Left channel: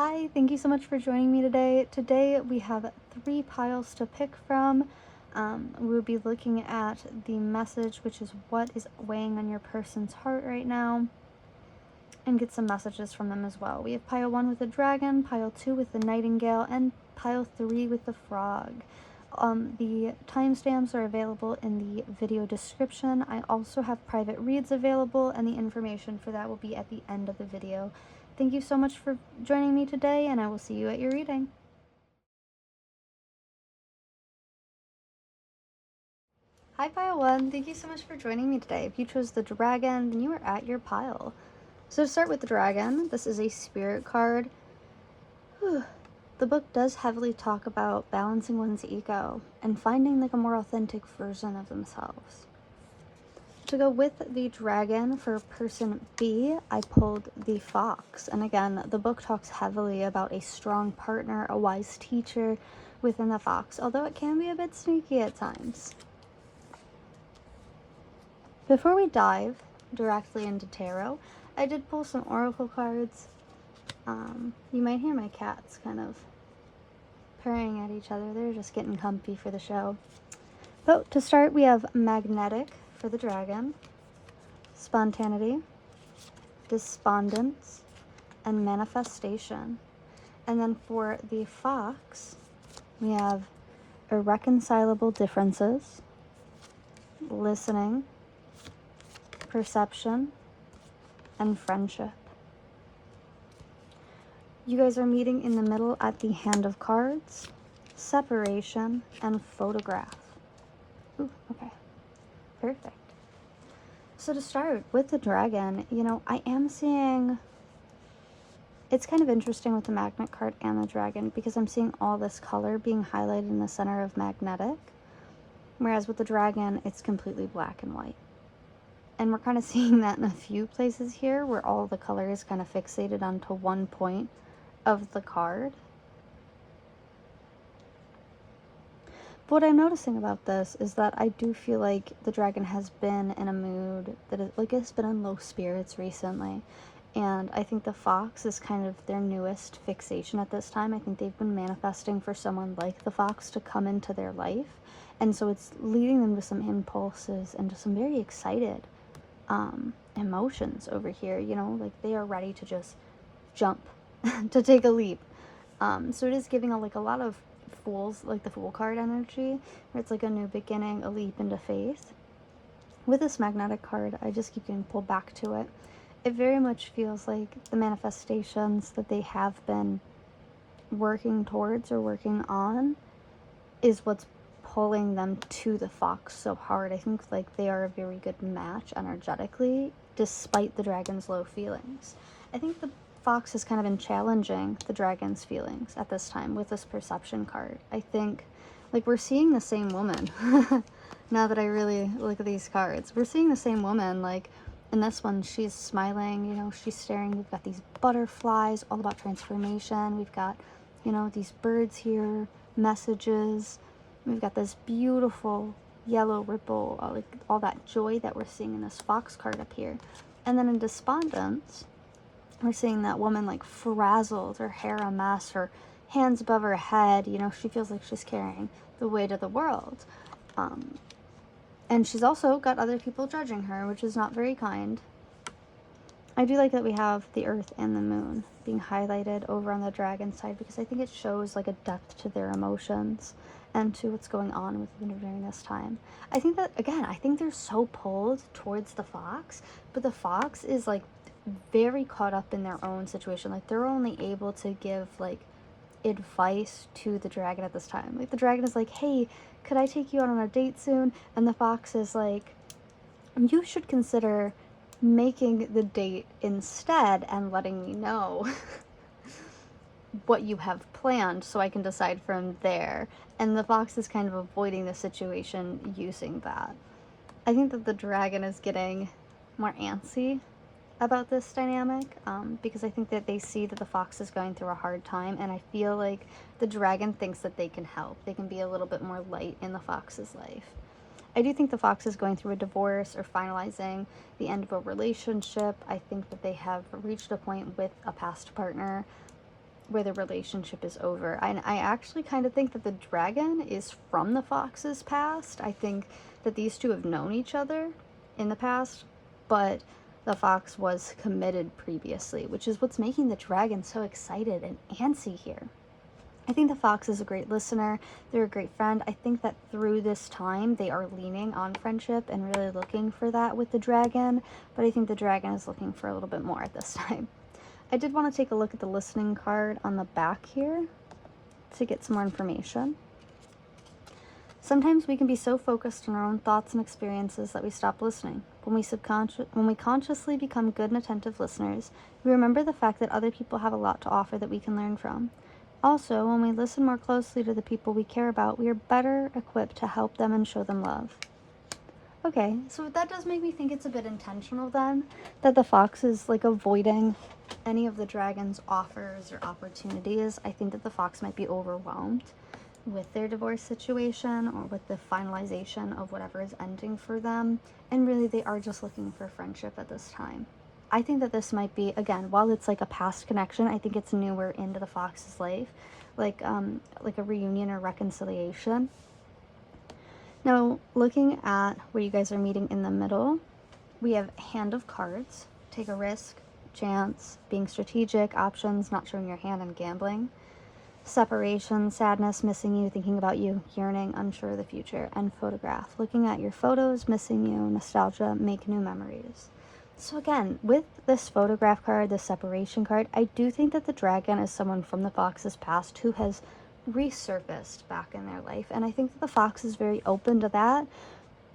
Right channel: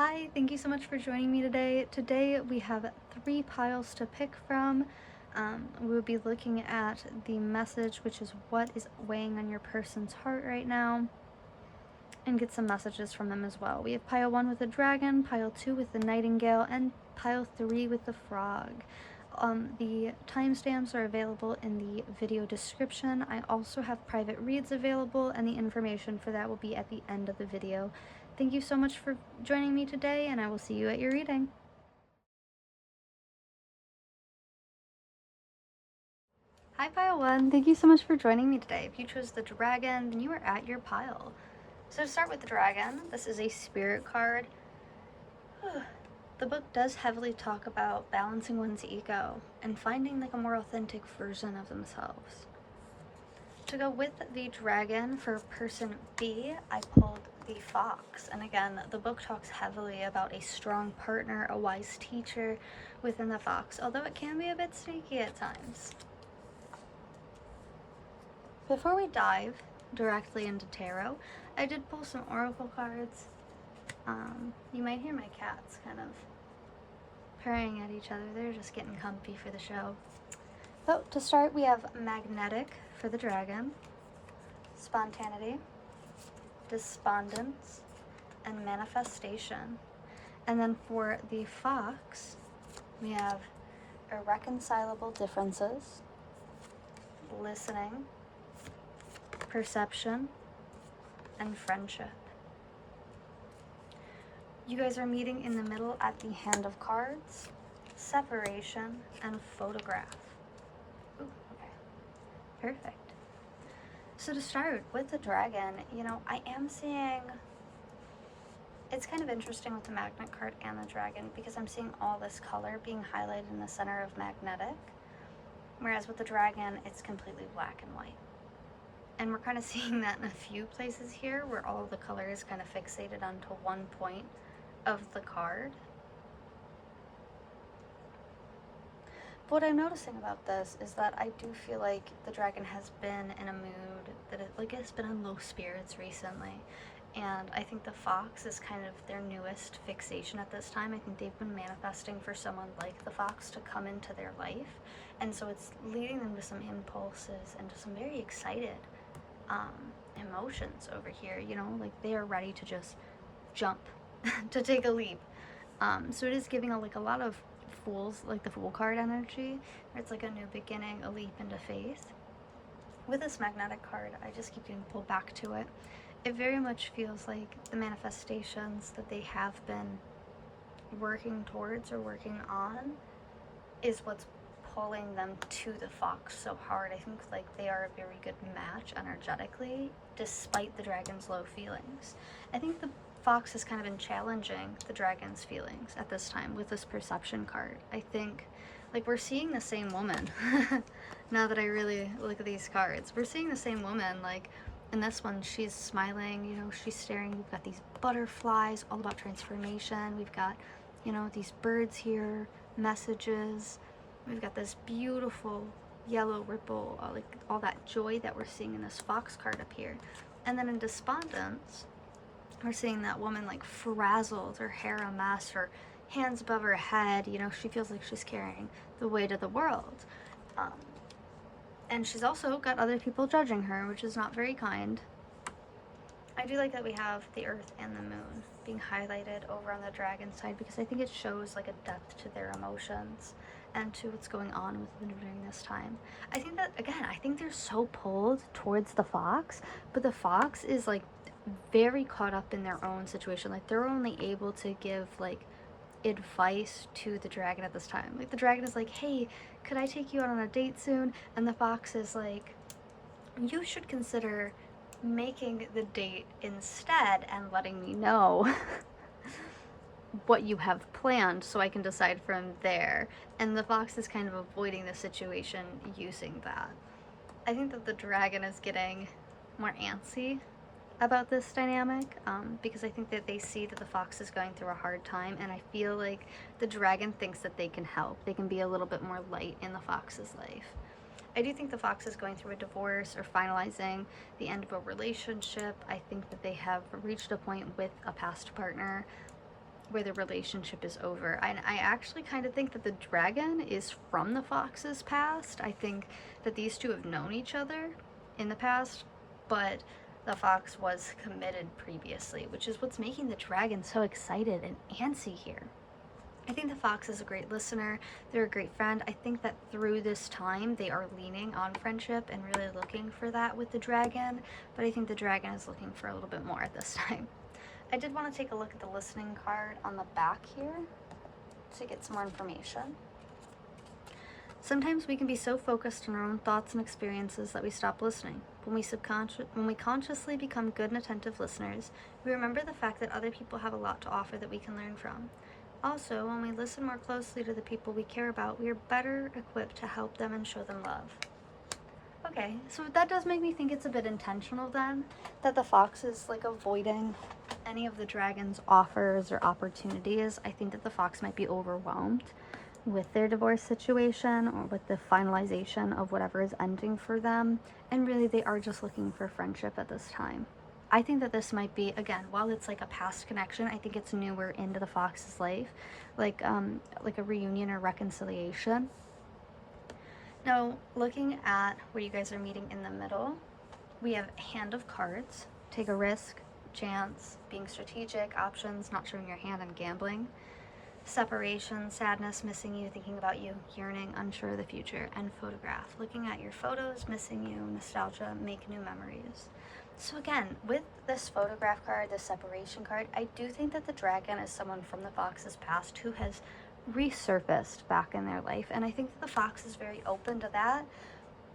Hi, thank you so much for joining me today. Today we have 3 piles to pick from. We'll be looking at the message, which is what is weighing on your person's heart right now, and get some messages from them as well. We have pile 1 with the dragon, pile 2 with the nightingale, and pile 3 with the frog. The timestamps are available in the video description. I also have private reads available, and the information for that will be at the end of the video. Thank you so much for joining me today, and I will see you at your reading. Hi, pile 1. Thank you so much for joining me today. If you chose the dragon, then you are at your pile. So to start with the dragon, this is a spirit card. The book does heavily talk about balancing one's ego and finding like a more authentic version of themselves. To go with the dragon for person B, I pulled the fox. And again, the book talks heavily about a strong partner, a wise teacher within the fox, although it can be a bit sneaky at times. Before we dive directly into tarot, I did pull some oracle cards. You might hear my cats kind of purring at each other. They're just getting comfy for the show. So to start, we have magnetic for the dragon, spontaneity, despondence, and manifestation. And then for the fox, we have irreconcilable differences, listening, perception, and friendship. You guys are meeting in the middle at the hand of cards, separation, and photograph. Ooh, okay. Perfect. So to start with the dragon, I am seeing, it's kind of interesting with the magnet card and the dragon because I'm seeing all this color being highlighted in the center of magnetic, whereas with the dragon, it's completely black and white. And we're kind of seeing that in a few places here where all the color is kind of fixated onto one point of the card. But what I'm noticing about this is that I do feel like the dragon has been in a mood that it's been in low spirits recently. And I think the fox is kind of their newest fixation at this time. I think they've been manifesting for someone like the fox to come into their life. And so it's leading them to some impulses and to some very excited emotions over here. Like they are ready to just jump, to take a leap. So it is giving a lot of fools, like the Fool card energy, where it's like a new beginning, a leap into faith. With this magnetic card, I just keep getting pulled back to it. It very much feels like the manifestations that they have been working towards or working on is what's pulling them to the fox so hard. I think like they are a very good match energetically, despite the dragon's low feelings. I think the fox has kind of been challenging the dragon's feelings at this time with this perception card. I think like we're seeing the same woman. Now that I really look at these cards, we're seeing the same woman. Like in this one, she's smiling, she's staring. We've got these butterflies, all about transformation. We've got, these birds here, messages. We've got this beautiful yellow ripple, like all that joy that we're seeing in this fox card up here. And then in despondence, we're seeing that woman like frazzled, her hair a mess, her hands above her head. She feels like she's carrying the weight of the world. And she's also got other people judging her, which is not very kind. I do like that we have the earth and the moon being highlighted over on the dragon side because I think it shows like a depth to their emotions and to what's going on with them during this time. I think that, again, I think they're so pulled towards the fox, but the fox is like very caught up in their own situation. Like they're only able to give like advice to the dragon at this time. Like the dragon is like, hey, could I take you out on a date soon? And the fox is like, you should consider making the date instead and letting me know what you have planned so I can decide from there. And the fox is kind of avoiding the situation using that. I think that the dragon is getting more antsy about this dynamic because I think that they see that the fox is going through a hard time, and I feel like the dragon thinks that they can help. They can be a little bit more light in the fox's life. I do think the fox is going through a divorce or finalizing the end of a relationship. I think that they have reached a point with a past partner where the relationship is over. I actually kind of think that the dragon is from the fox's past. I think that these two have known each other in the past, but the fox was committed previously, which is what's making the dragon so excited and antsy here. I think the fox is a great listener. They're a great friend. I think that through this time, they are leaning on friendship and really looking for that with the dragon, but I think the dragon is looking for a little bit more at this time. I did want to take a look at the listening card on the back here to get some more information. Sometimes we can be so focused on our own thoughts and experiences that we stop listening. When we consciously become good and attentive listeners, we remember the fact that other people have a lot to offer that we can learn from. Also, when we listen more closely to the people we care about, we are better equipped to help them and show them love. Okay, so that does make me think it's a bit intentional then, that the fox is like avoiding any of the dragon's offers or opportunities. I think that the fox might be overwhelmed with their divorce situation or with the finalization of whatever is ending for them, and really they are just looking for friendship at this time. I think that this might be, again, while it's like a past connection, I think it's newer into the fox's life, like a reunion or reconciliation. Now, looking at where you guys are meeting in the middle, we have Hand of Cards, take a risk, chance, being strategic, options, not showing your hand, and gambling. Separation, sadness, missing you, thinking about you, yearning, unsure of the future, and photograph, looking at your photos, missing you, nostalgia, make new memories. So again, with this photograph card, this separation card, I do think that the dragon is someone from the fox's past who has resurfaced back in their life. And I think that the fox is very open to that,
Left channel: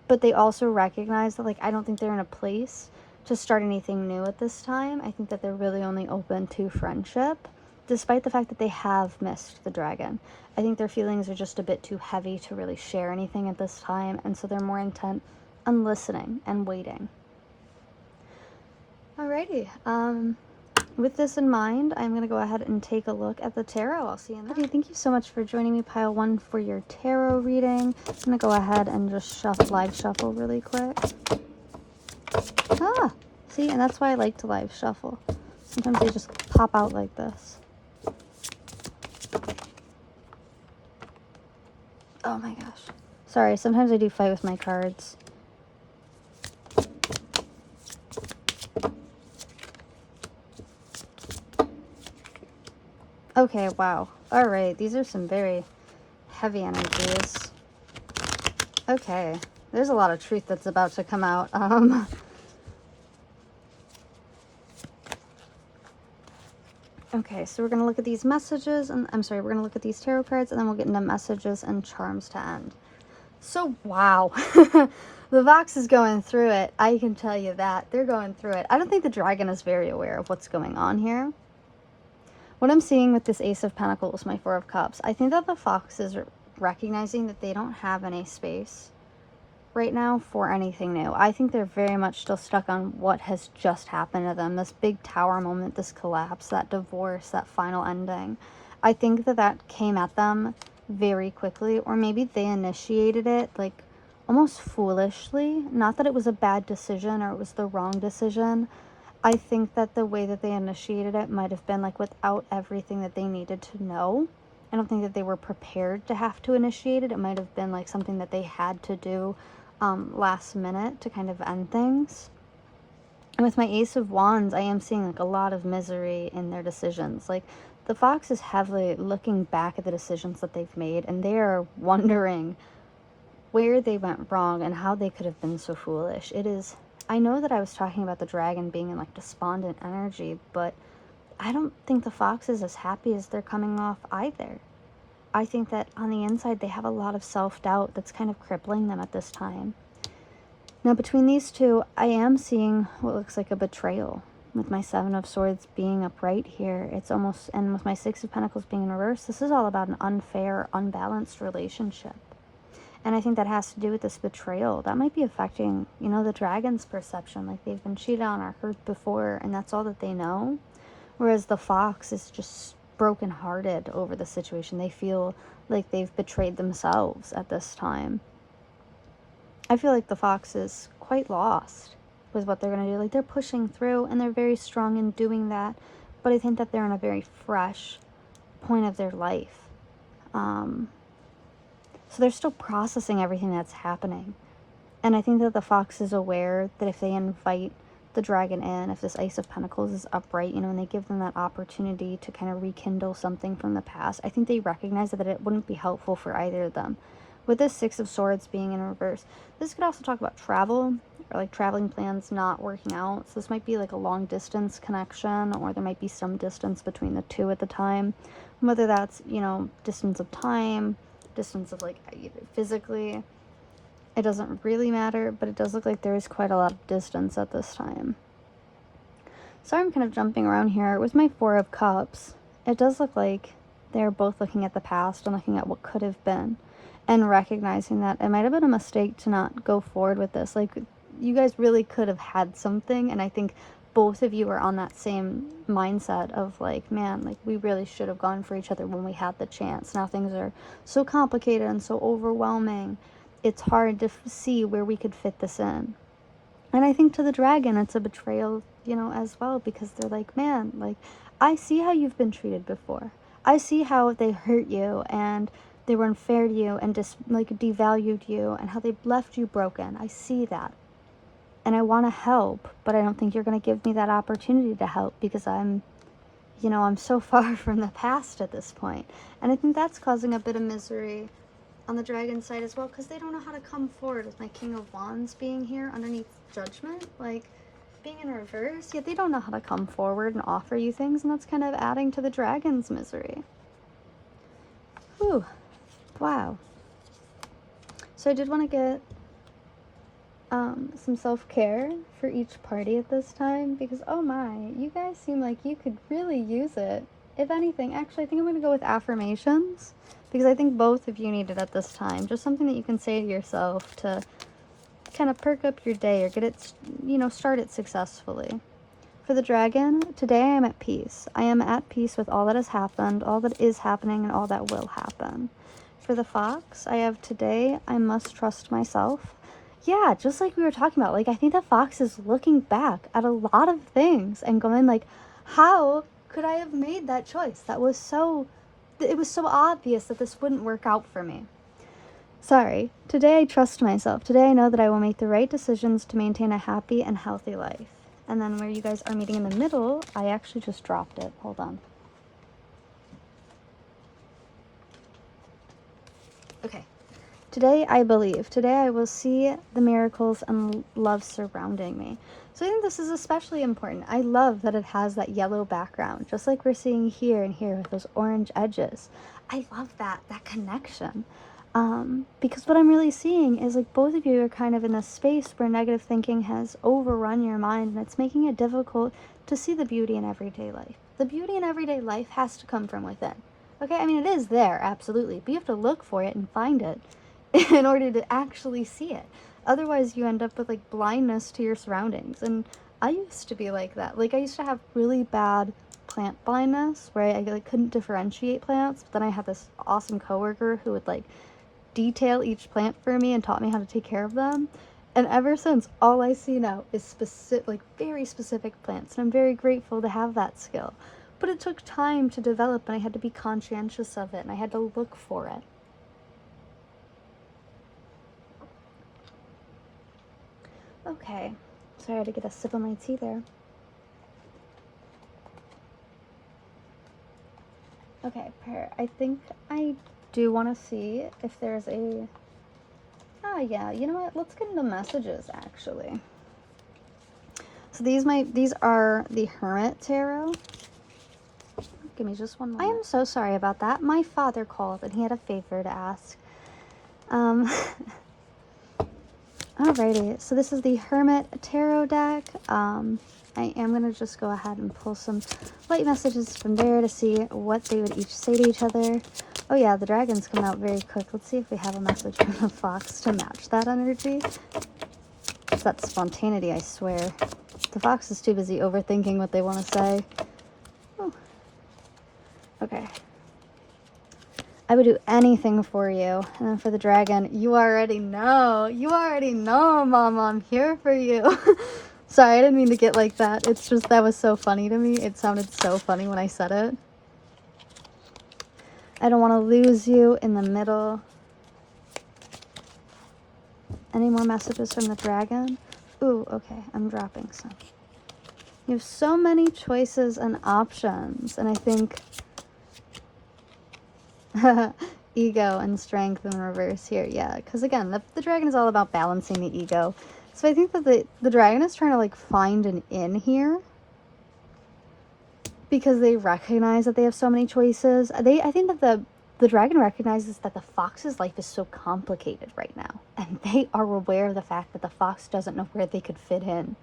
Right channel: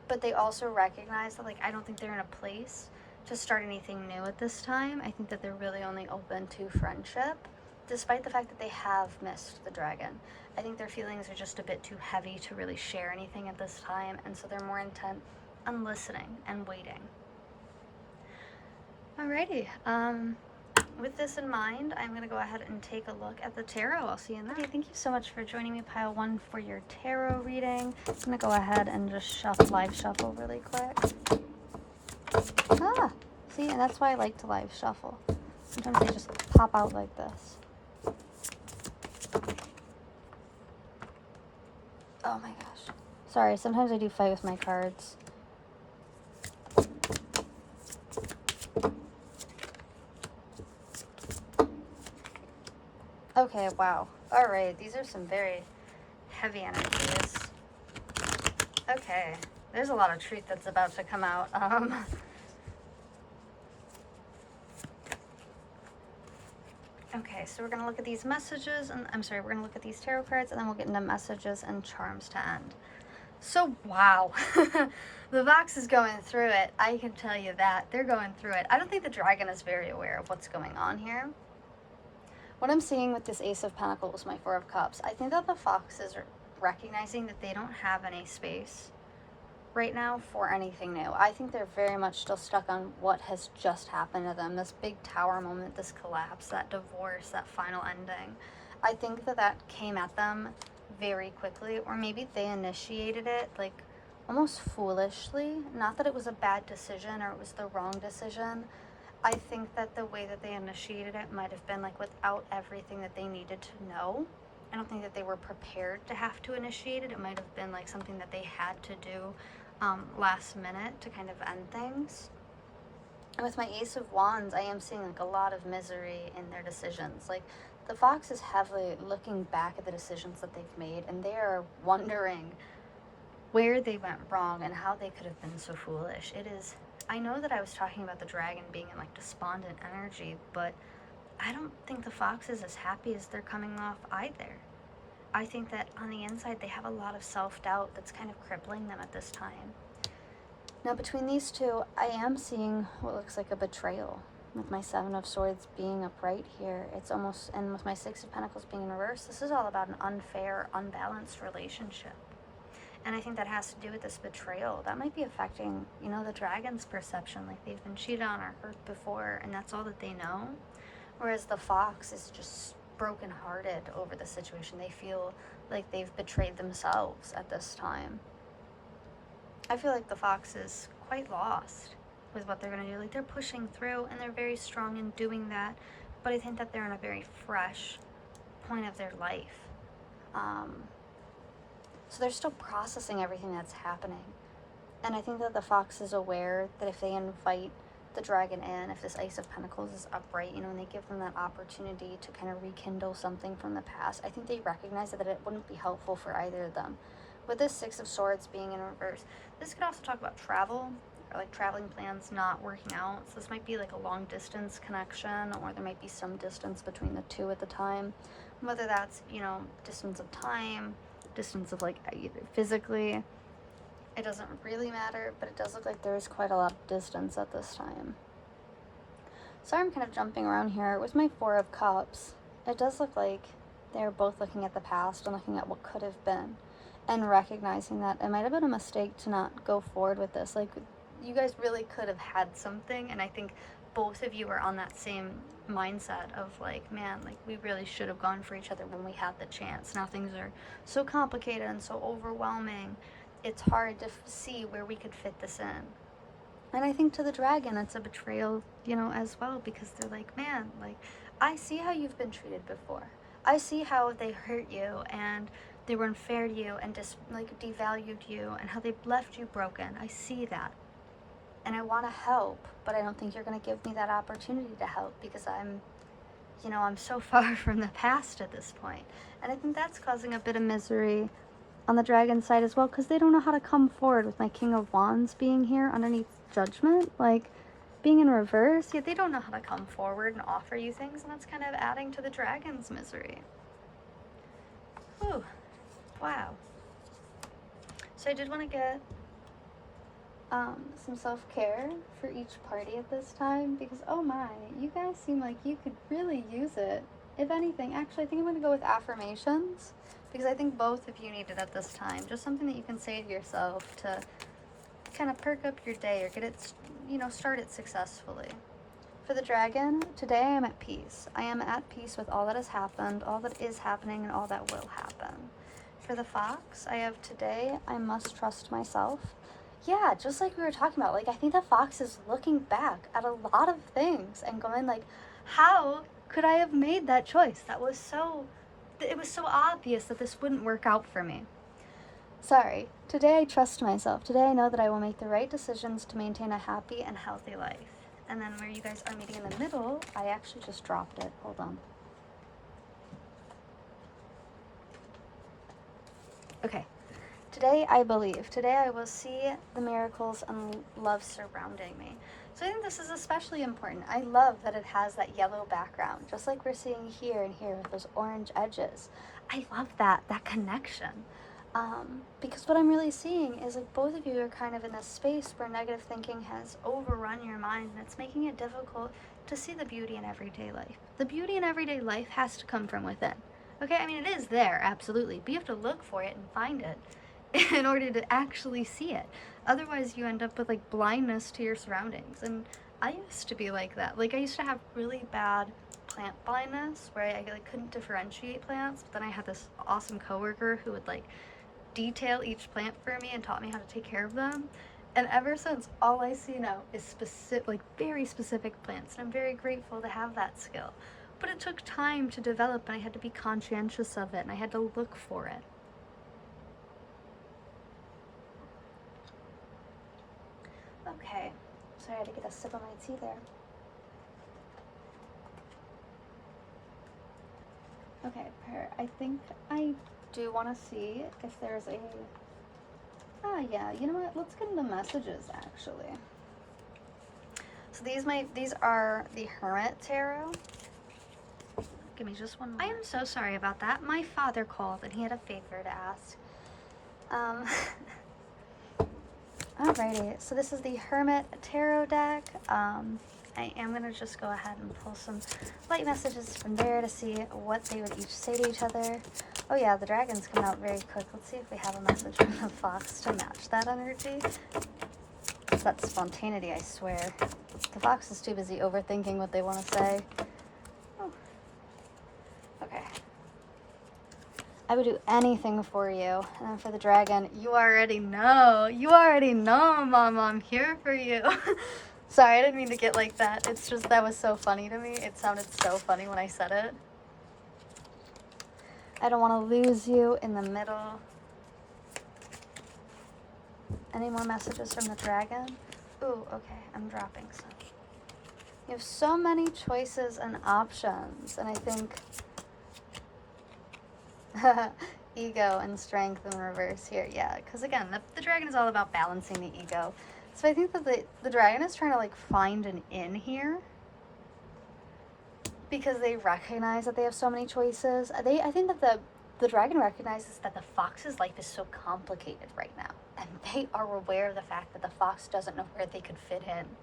but they also recognize that, like, I don't think they're in a place to start anything new at this time. I think that they're really only open to friendship, despite the fact that they have missed the dragon. I think their feelings are just a bit too heavy to really share anything at this time, and so they're more intent on listening and waiting. Alrighty, with this in mind, I'm going to go ahead and take a look at the tarot. I'll see you in that. Okay, thank you so much for joining me, Pile 1, for your tarot reading. I'm going to go ahead and just live shuffle really quick. Ah, see, and that's why I like to live shuffle. Sometimes they just pop out like this. Oh my gosh. Sorry, sometimes I do fight with my cards. Okay, wow. Alright, these are some very heavy energies. Okay, there's a lot of truth that's about to come out. Okay, so we're going to look at these messages, and we're going to look at these tarot cards, and then we'll get into messages and charms to end. So, wow. The Vox is going through it. I can tell you that. They're going through it. I don't think the dragon is very aware of what's going on here. What I'm seeing with this Ace of Pentacles, my Four of Cups, I think that the Fox is recognizing that they don't have any space right now for anything new. I think they're very much still stuck on what has just happened to them. This big tower moment, this collapse, that divorce, that final ending. I think that that came at them very quickly, or maybe they initiated it like almost foolishly. Not that it was a bad decision or it was the wrong decision. I think that the way that they initiated it might have been like without everything that they needed to know. I don't think that they were prepared to have to initiate it. It might have been like something that they had to do last minute to kind of end things. And with my Ace of Wands, I am seeing like a lot of misery in their decisions. Like the Fox is heavily looking back at the decisions that they've made, and they are wondering where they went wrong and how they could have been so foolish. It is, I know that I was talking about the dragon being in like despondent energy, but I don't think the Fox is as happy as they're coming off either. I think that on the inside they have a lot of self-doubt that's kind of crippling them at this time. Now between these two, I am seeing what looks like a betrayal. With my Seven of Swords being upright here, it's almost, and with my Six of Pentacles being in reverse, this is all about an unfair, unbalanced relationship. And I think that has to do with this betrayal. That might be affecting, you know, the dragon's perception. Like they've been cheated on or hurt before, and that's all that they know. Whereas the Fox is just brokenhearted over the situation. They feel like they've betrayed themselves at this time. I feel like the Fox is quite lost with what they're going to do. Like they're pushing through, and they're very strong in doing that. But I think that they're in a very fresh point of their life. So they're still processing everything that's happening. And I think that the Fox is aware that if they invite the Dragon in, if this Ace of Pentacles is upright, you know, and they give them that opportunity to kind of rekindle something from the past, I think they recognize that it wouldn't be helpful for either of them. With this Six of Swords being in reverse, this could also talk about travel, or like traveling plans not working out. So this might be like a long distance connection, or there might be some distance between the two at the time. Whether that's, you know, distance of time, distance of like physically, it doesn't really matter, but it does look like there is quite a lot of distance at this time. So I'm kind of jumping around here. With my Four of Cups, it does look like they're both looking at the past and looking at what could have been, and recognizing that it might have been a mistake to not go forward with this. Like, you guys really could have had something, and I think both of you are on that same mindset of like, man, like we really should have gone for each other when we had the chance. Now things are so complicated and so overwhelming, it's hard to see where we could fit this in. And I think to the Dragon, it's a betrayal, you know, as well, because they're like, man, like, I see how you've been treated before. I see how they hurt you and they were unfair to you and just like devalued you and how they left you broken. I see that. And I want to help, but I don't think you're going to give me that opportunity to help because I'm, you know, I'm so far from the past at this point. And I think that's causing a bit of misery on the Dragon side as well, because they don't know how to come forward with my King of Wands being here underneath Judgment, like being in reverse. Yet they don't know how to come forward and offer you things, and that's kind of adding to the Dragon's misery. Whew. Wow. So I did want to get some self-care for each party at this time, because oh my, you guys seem like you could really use it. If anything, actually I think I'm going to go with affirmations, because I think both of you need it at this time. Just something that you can say to yourself to kind of perk up your day or get it, you know, start it successfully. For the Dragon, today I am at peace. I am at peace with all that has happened, all that is happening, and all that will happen. For the Fox, I have today, I must trust myself. Yeah, just like we were talking about, like, I think the Fox is looking back at a lot of things and going like, how could I have made that choice? That was so, it was so obvious that this wouldn't work out for me. Sorry, today I trust myself. Today I know that I will make the right decisions to maintain a happy and healthy life. And then where you guys are meeting in the middle, I actually just dropped it. Hold on. Okay. Today I believe. Today I will see the miracles and love surrounding me. So I think this is especially important. I love that it has that yellow background, just like we're seeing here and here with those orange edges. I love that connection. Because what I'm really seeing is like both of you are kind of in this space where negative thinking has overrun your mind, and it's making it difficult to see the beauty in everyday life. The beauty in everyday life has to come from within. Okay, I mean, it is there, absolutely, but you have to look for it and find it in order to actually see it. Otherwise, you end up with like blindness to your surroundings. And I used to be like that. Like, I used to have really bad plant blindness where I like couldn't differentiate plants. But then I had this awesome coworker who would like detail each plant for me and taught me how to take care of them. And ever since, all I see now is specific, like very specific plants. And I'm very grateful to have that skill. But it took time to develop, and I had to be conscientious of it, and I had to look for it. Okay, sorry, I had to get a sip of my tea there. Okay, I think I do want to see if there's a... Ah, yeah, you know what? Let's get into messages, actually. So these are the Hermit Tarot. Give me just one moment. I am so sorry about that. My father called and he had a favor to ask. Alrighty, so this is the Hermit Tarot deck. I am going to just go ahead and pull some light messages from there to see what they would each say to each other. Oh yeah, the Dragon's coming out very quick. Let's see if we have a message from the Fox to match that energy. It's that spontaneity, I swear. The Fox is too busy overthinking what they want to say. Ooh. Okay. I would do anything for you. And then for the Dragon, you already know. You already know, Mom, I'm here for you. Sorry, I didn't mean to get like that. It's just, that was so funny to me. It sounded so funny when I said it. I don't want to lose you in the middle. Any more messages from the dragon? Ooh, okay, I'm dropping some. You have so many choices and options, and I think ego and strength in reverse here. Yeah, because again, the dragon is all about balancing the ego. So I think that the dragon is trying to like find an in here because they recognize that they have so many choices. I think that the dragon recognizes that the fox's life is so complicated right now, and they are aware of the fact that the fox doesn't know where they could fit in.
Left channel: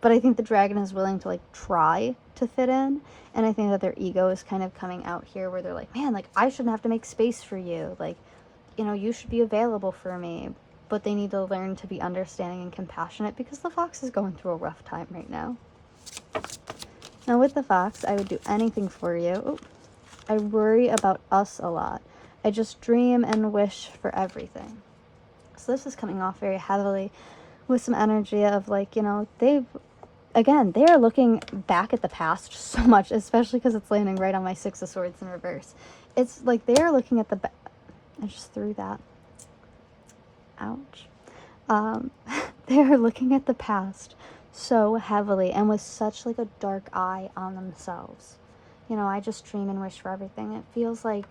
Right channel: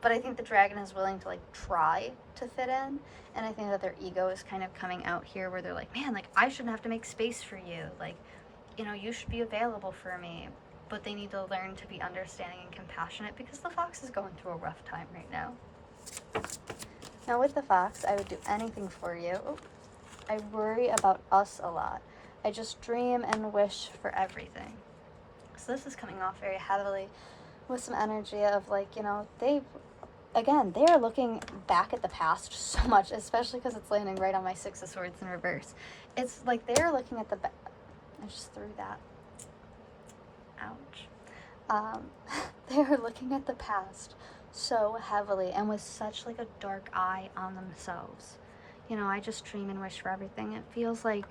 But I think the dragon is willing to like try to fit in, and I think that their ego is kind of coming out here where they're like, man, like I shouldn't have to make space for you, like, you know, you should be available for me. But they need to learn to be understanding and compassionate because the fox is going through a rough time right now. Now with the fox, I would do anything for you. Ooh, I worry about us a lot. I just dream and wish for everything. So this is coming off very heavily with some energy of like, you know, they are looking back at the past so much, especially because it's landing right on my Six of Swords in reverse. It's like they are looking at the I just threw that. Ouch. They are looking at the past so heavily and with such like a dark eye on themselves. You know, I just dream and wish for everything. It feels like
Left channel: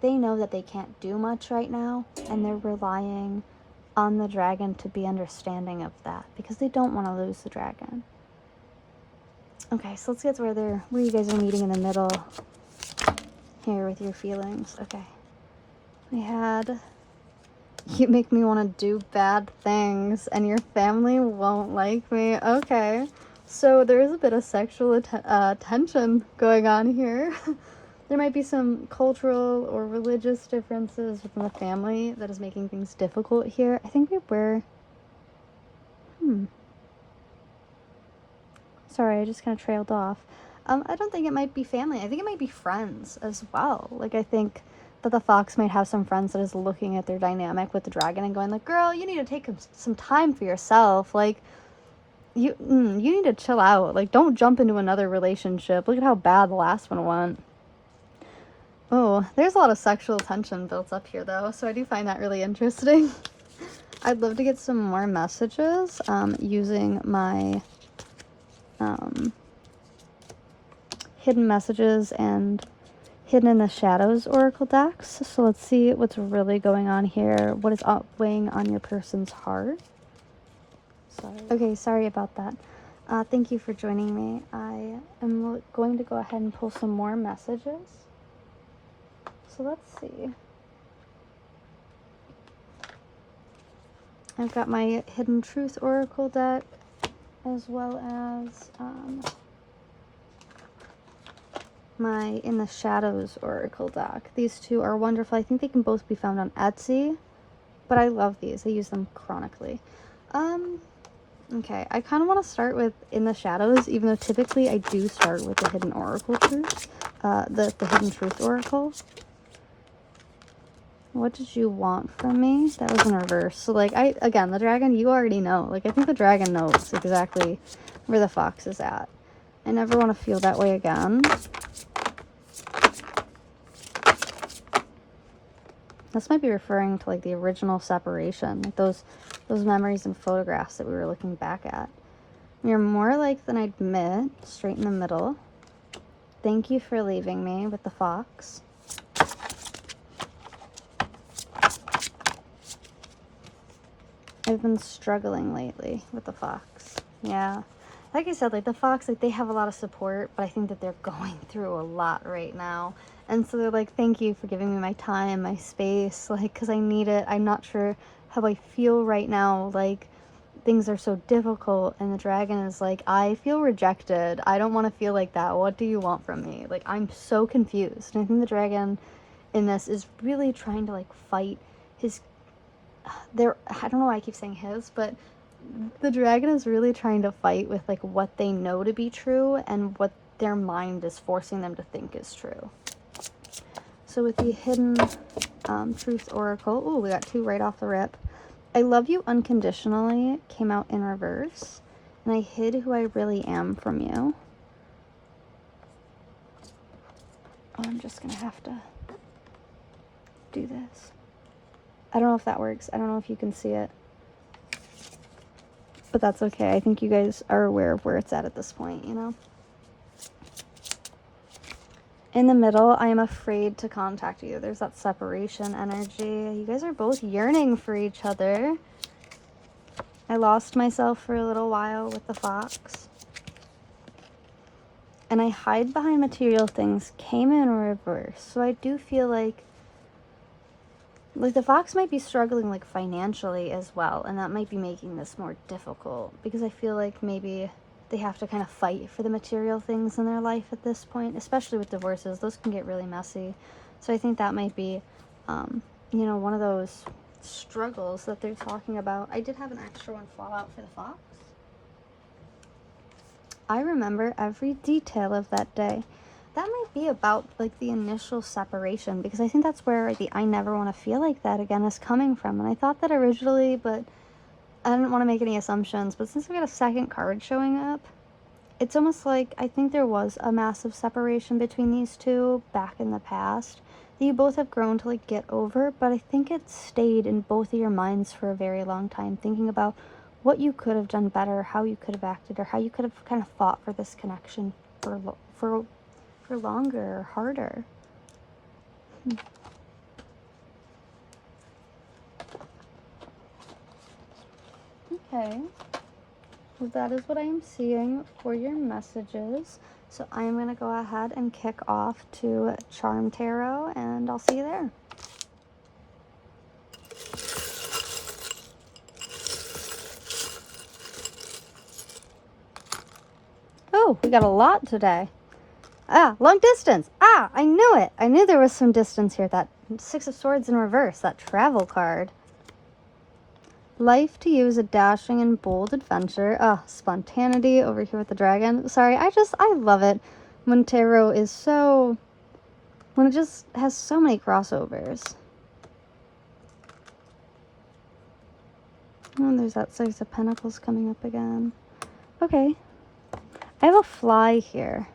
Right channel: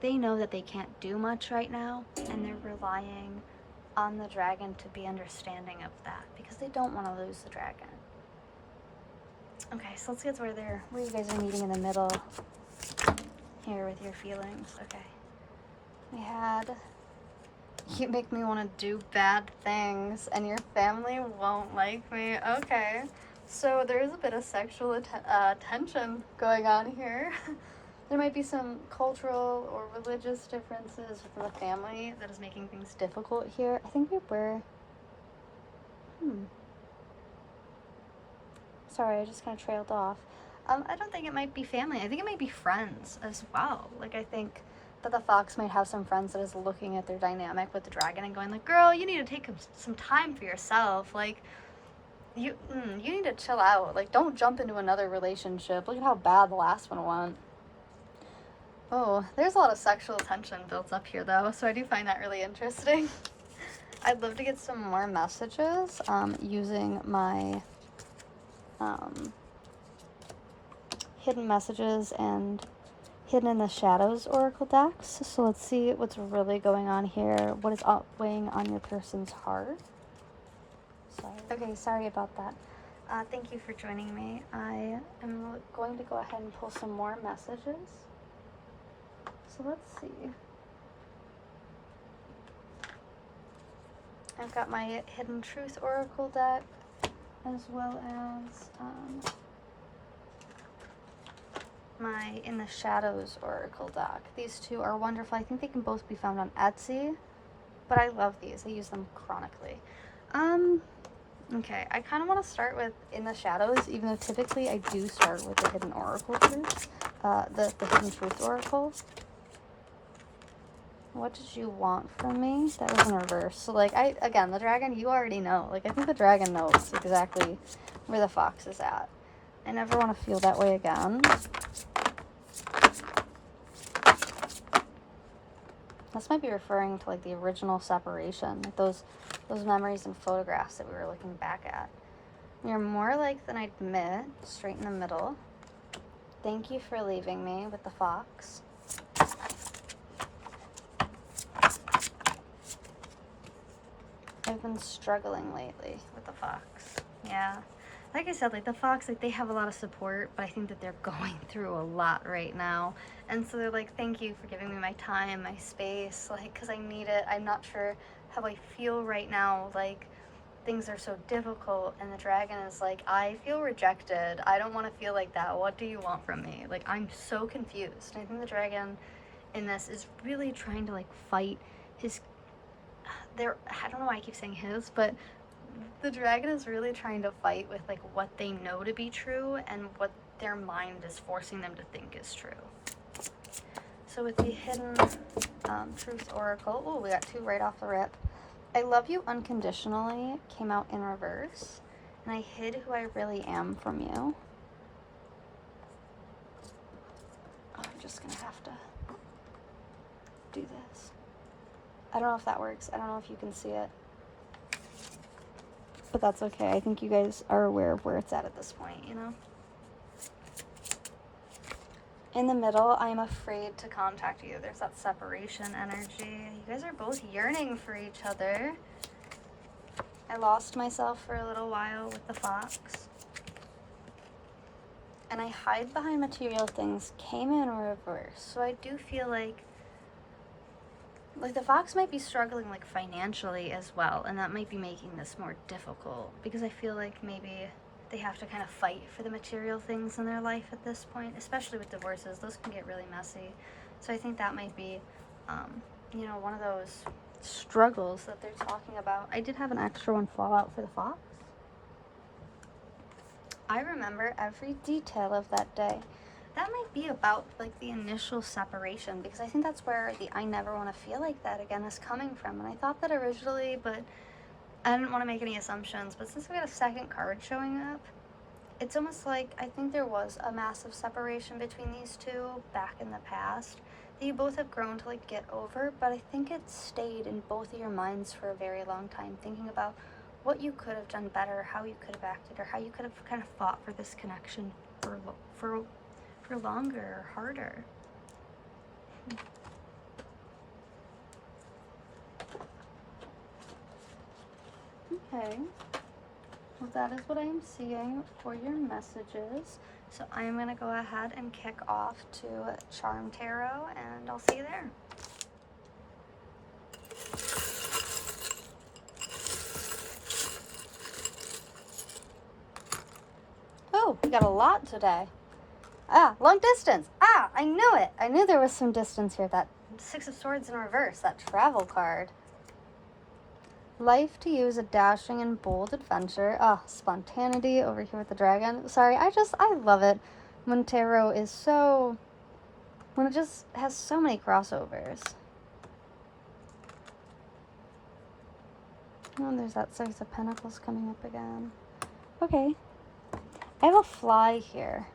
they know that they can't do much right now, and they're relying on the dragon to be understanding of that because they don't want to lose the dragon. Okay, so let's get to where you guys are meeting in the middle here with your feelings. Okay. We had, you make me want to do bad things and your family won't like me. Okay. So there is a bit of sexual tension going on here. There might be some cultural or religious differences within the family that is making things difficult here. I think we were... Sorry, I just kind of trailed off. I don't think it might be family. I think it might be friends as well. Like, I think that the fox might have some friends that is looking at their dynamic with the dragon and going like, girl, you need to take some time for yourself. Like, you need to chill out. Like, don't jump into another relationship. Look at how bad the last one went. Oh, there's a lot of sexual tension built up here, though, so I do find that really interesting. I'd love to get some more messages using my hidden messages and hidden in the shadows oracle decks. So let's see what's really going on here. What is weighing on your person's heart? Okay, sorry about that. Thank you for joining me. I am going to go ahead and pull some more messages. So let's see. I've got my Hidden Truth Oracle deck, as well as my In the Shadows Oracle deck. These two are wonderful. I think they can both be found on Etsy, but I love these. I use them chronically. Okay, I kind of want to start with In the Shadows, even though typically I do start with the Hidden Oracle Truth, the Hidden Truth Oracle. What did you want from me? That was in reverse. So, like, again, the dragon, you already know. Like, I think the dragon knows exactly where the fox is at. I never want to feel that way again. This might be referring to, like, the original separation. Like, those memories and photographs that we were looking back at. You're more alike than I'd admit. Straight in the middle. Thank you for leaving me with the fox. I've been struggling lately with the fox. Yeah. Like I said, like the fox, like they have a lot of support, but I think that they're going through a lot right now. And so they're like, thank you for giving me my time, my space, like, because I need it. I'm not sure how I feel right now. Like, things are so difficult. And the dragon is like, I feel rejected. I don't want to feel like that. What do you want from me? Like, I'm so confused. And I think the dragon in this is really trying to like fight his... I don't know why I keep saying his, but the dragon is really trying to fight with like what they know to be true and what their mind is forcing them to think is true. So with the Hidden Truth Oracle, oh, we got two right off the rip. I love you unconditionally came out in reverse, and I hid who I really am from you. I'm just gonna have to do this. I don't know if that works. I don't know if you can see it. But that's okay. I think you guys are aware of where it's at this point, you know? In the middle, I am afraid to contact you. There's that separation energy. You guys are both yearning for each other. I lost myself for a little while with the fox. And I hide behind material things came in reverse. So I do feel like the fox might be struggling like financially as well, and that might be making this more difficult, because I feel like maybe they have to kind of fight for the material things in their life at this point, especially with divorces. Those can get really messy. So I think that might be, you know, one of those struggles that they're talking about. I did have an extra one fall out for the fox. I remember every detail of that day. That might be about like the initial separation, because I think that's where the I never want to feel like that again is coming from. And I thought that originally, but I didn't want to make any assumptions. But since we got a second card showing up, it's almost like I think there was a massive separation between these two back in the past that you both have grown to like get over, but I think it stayed in both of your minds for a very long time, thinking about what you could have done better, how you could have acted, or how you could have kind of fought for this connection for longer or harder. Okay. Well, that is what I'm seeing for your messages. So I am going to go ahead and kick off to Charm Tarot, and I'll see you there. Oh, we got a lot today. Ah, long distance. Ah, I knew it. I knew there was some distance here. That Six of Swords in reverse, that travel card. Life to you is a dashing and bold adventure. Ah, spontaneity over here with the dragon. Sorry, I love it when tarot is so, when it just has so many crossovers. Oh, there's that Six of Pentacles coming up again. Okay. I have a fly here.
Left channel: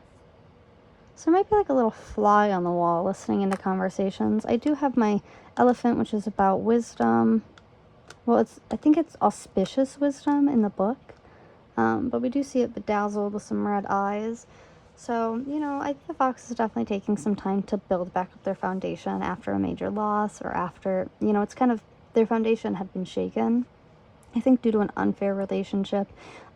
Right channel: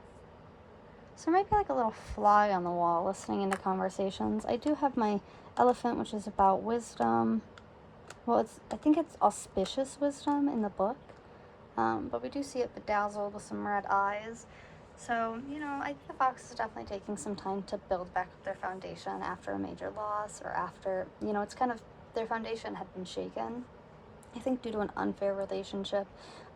So there might be like a little fly on the wall listening into conversations. I do have my elephant, which is about wisdom. Well, I think it's auspicious wisdom in the book. But we do see it bedazzled with some red eyes. So, you know, I think the fox is definitely taking some time to build back up their foundation after a major loss, or after, you know, it's kind of, their foundation had been shaken. I think due to an unfair relationship.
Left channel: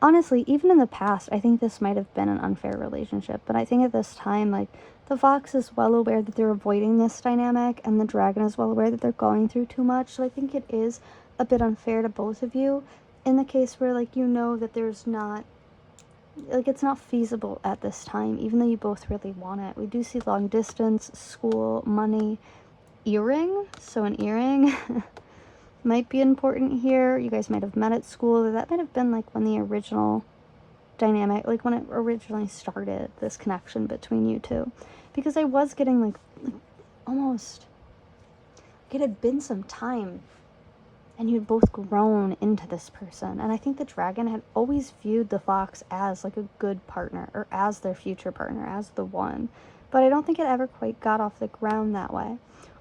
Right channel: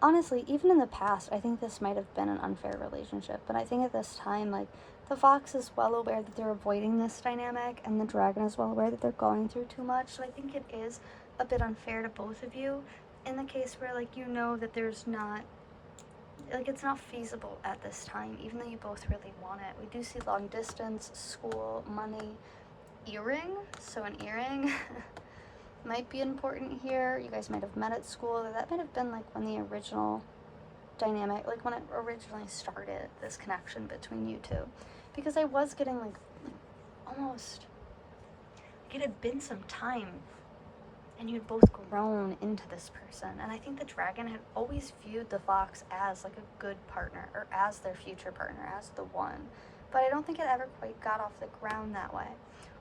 Honestly, even in the past, I think this might have been an unfair relationship. But I think at this time, like, the fox is well aware that they're avoiding this dynamic, and the dragon is well aware that they're going through too much. So I think it is a bit unfair to both of you in the case where, like, you know that there's not, like, it's not feasible at this time, even though you both really want it. We do see long distance, school, money, earring. So an earring might be important here. You guys might have met at school. That might have been like when the original dynamic, like when it originally started, this connection between you two. Because I was getting like almost, like it had been some time and you had both grown into this person. And I think the dragon had always viewed the fox as like a good partner, or as their future partner, as the one. But I don't think it ever quite got off the ground that way.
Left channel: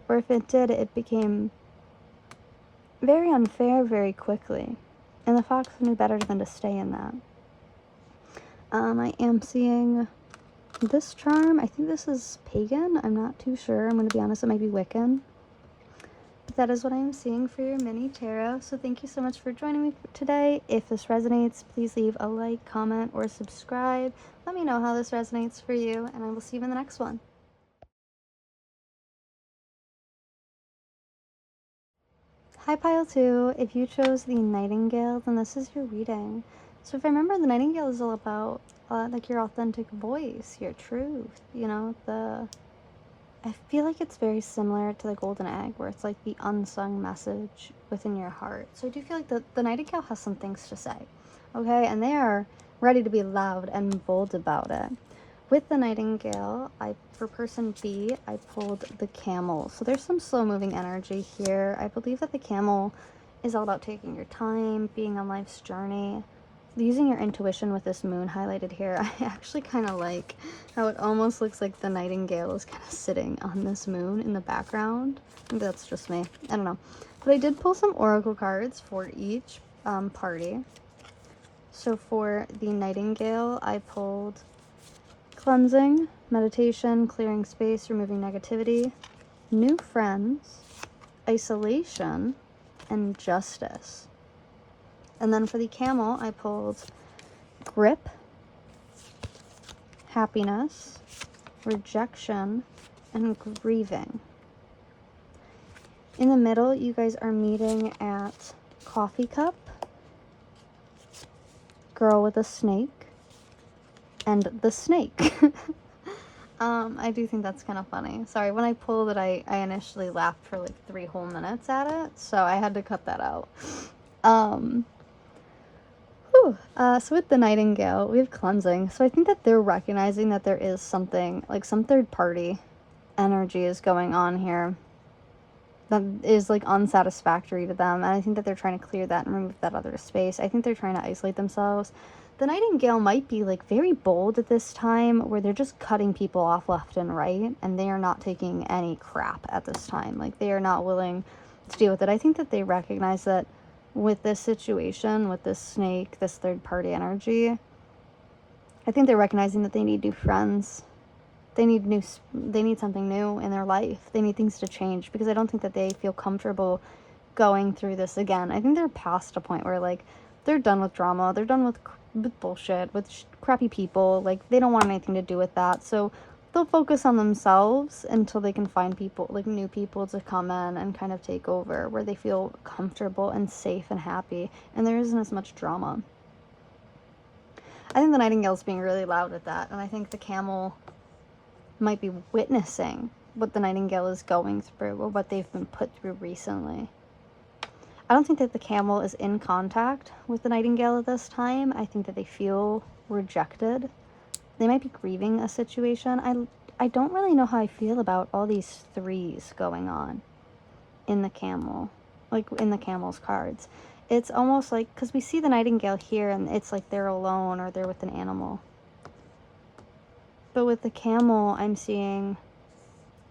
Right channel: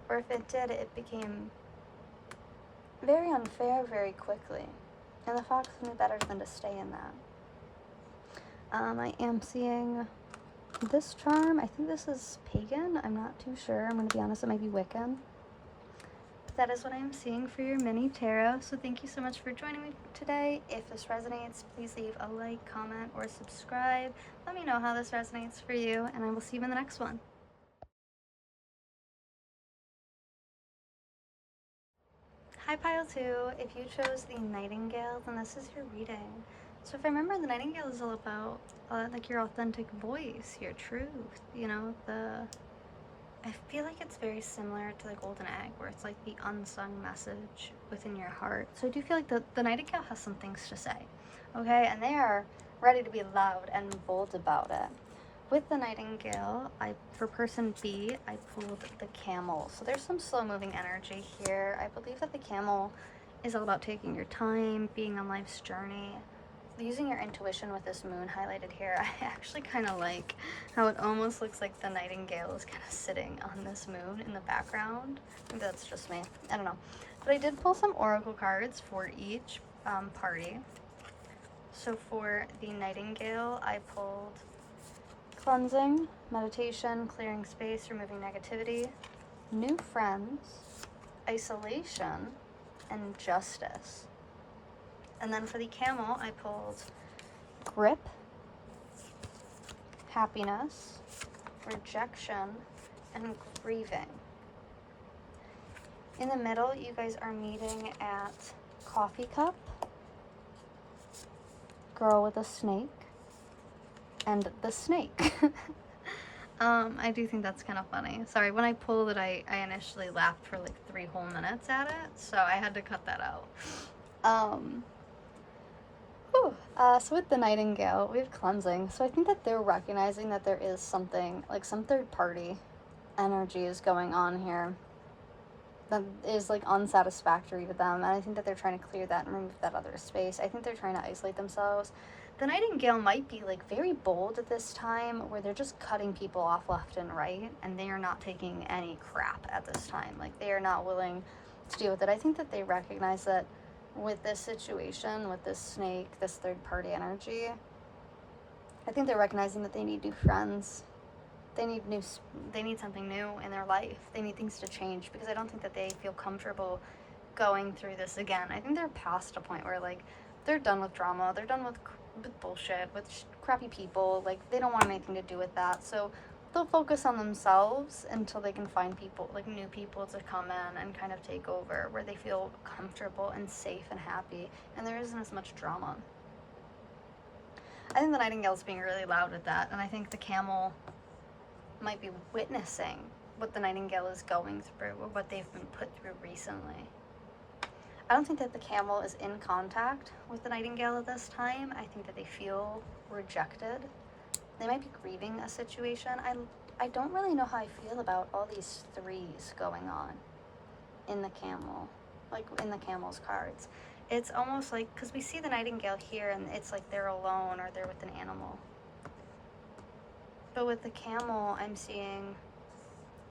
Or if it did, it became very unfair very quickly, and the fox knew better than to stay in that. I am seeing this charm. I think this is pagan. I'm not too sure. I'm going to be honest, it might be Wiccan. But that is what I am seeing for your mini tarot. So thank you so much for joining me today. If this resonates, please leave a like, comment, or subscribe. Let me know how this resonates for you, and I will see you in the next one. Hi Pile 2, if you chose the Nightingale, then this is your reading. So if I remember, the Nightingale is all about like your authentic voice, your truth, you know, I feel like it's very similar to the Golden Egg, where it's like the unsung message within your heart. So I do feel like the Nightingale has some things to say, okay, and they are ready to be loud and bold about it. With the Nightingale, for person B, I pulled the Camel. So there's some slow-moving energy here. I believe that the Camel is all about taking your time, being on life's journey. using your intuition with this moon highlighted here, I actually kind of like how it almost looks like the nightingale is kind of sitting on this moon in the background. I think that's just me. I don't know. But I did pull some oracle cards for each party. So for the nightingale, I pulled cleansing, meditation, clearing space, removing negativity, new friends, isolation, and justice. And then for the camel, I pulled grip, happiness, rejection, and grieving. In the middle, you guys are meeting at coffee cup, girl with a snake, and the snake. I do think that's kind of funny. Sorry, when I pulled it, I initially laughed for like 3 whole minutes at it, so I had to cut that out. So with the nightingale, we have cleansing. So I think that they're recognizing that there is something, like some third party energy is going on here that is like unsatisfactory to them. And I think that they're trying to clear that and remove that other space. I think they're trying to isolate themselves. The nightingale might be like very bold at this time, where they're just cutting people off left and right, and they are not taking any crap at this time. Like, they are not willing to deal with it. I think that they recognize that with this situation, with this snake, this third party energy, I think they're recognizing that they need new friends. They need something new in their life. They need things to change, because I don't think that they feel comfortable going through this again. I think they're past a point where, like, they're done with drama. They're done with bullshit, with crappy people. Like, they don't want anything to do with that. So they'll focus on themselves until they can find people, like new people, to come in and kind of take over, where they feel comfortable and safe and happy, and there isn't as much drama. I think the nightingale's being really loud at that, and I think the camel might be witnessing what the nightingale is going through, or what they've been put through recently. I don't think that the camel is in contact with the nightingale at this time. I think that they feel rejected. They might be grieving a situation. I don't really know how I feel about all these 3s going on in the camel, like in the camel's cards. It's almost like, because we see the nightingale here, and it's like they're alone or they're with an animal. But with the camel, I'm seeing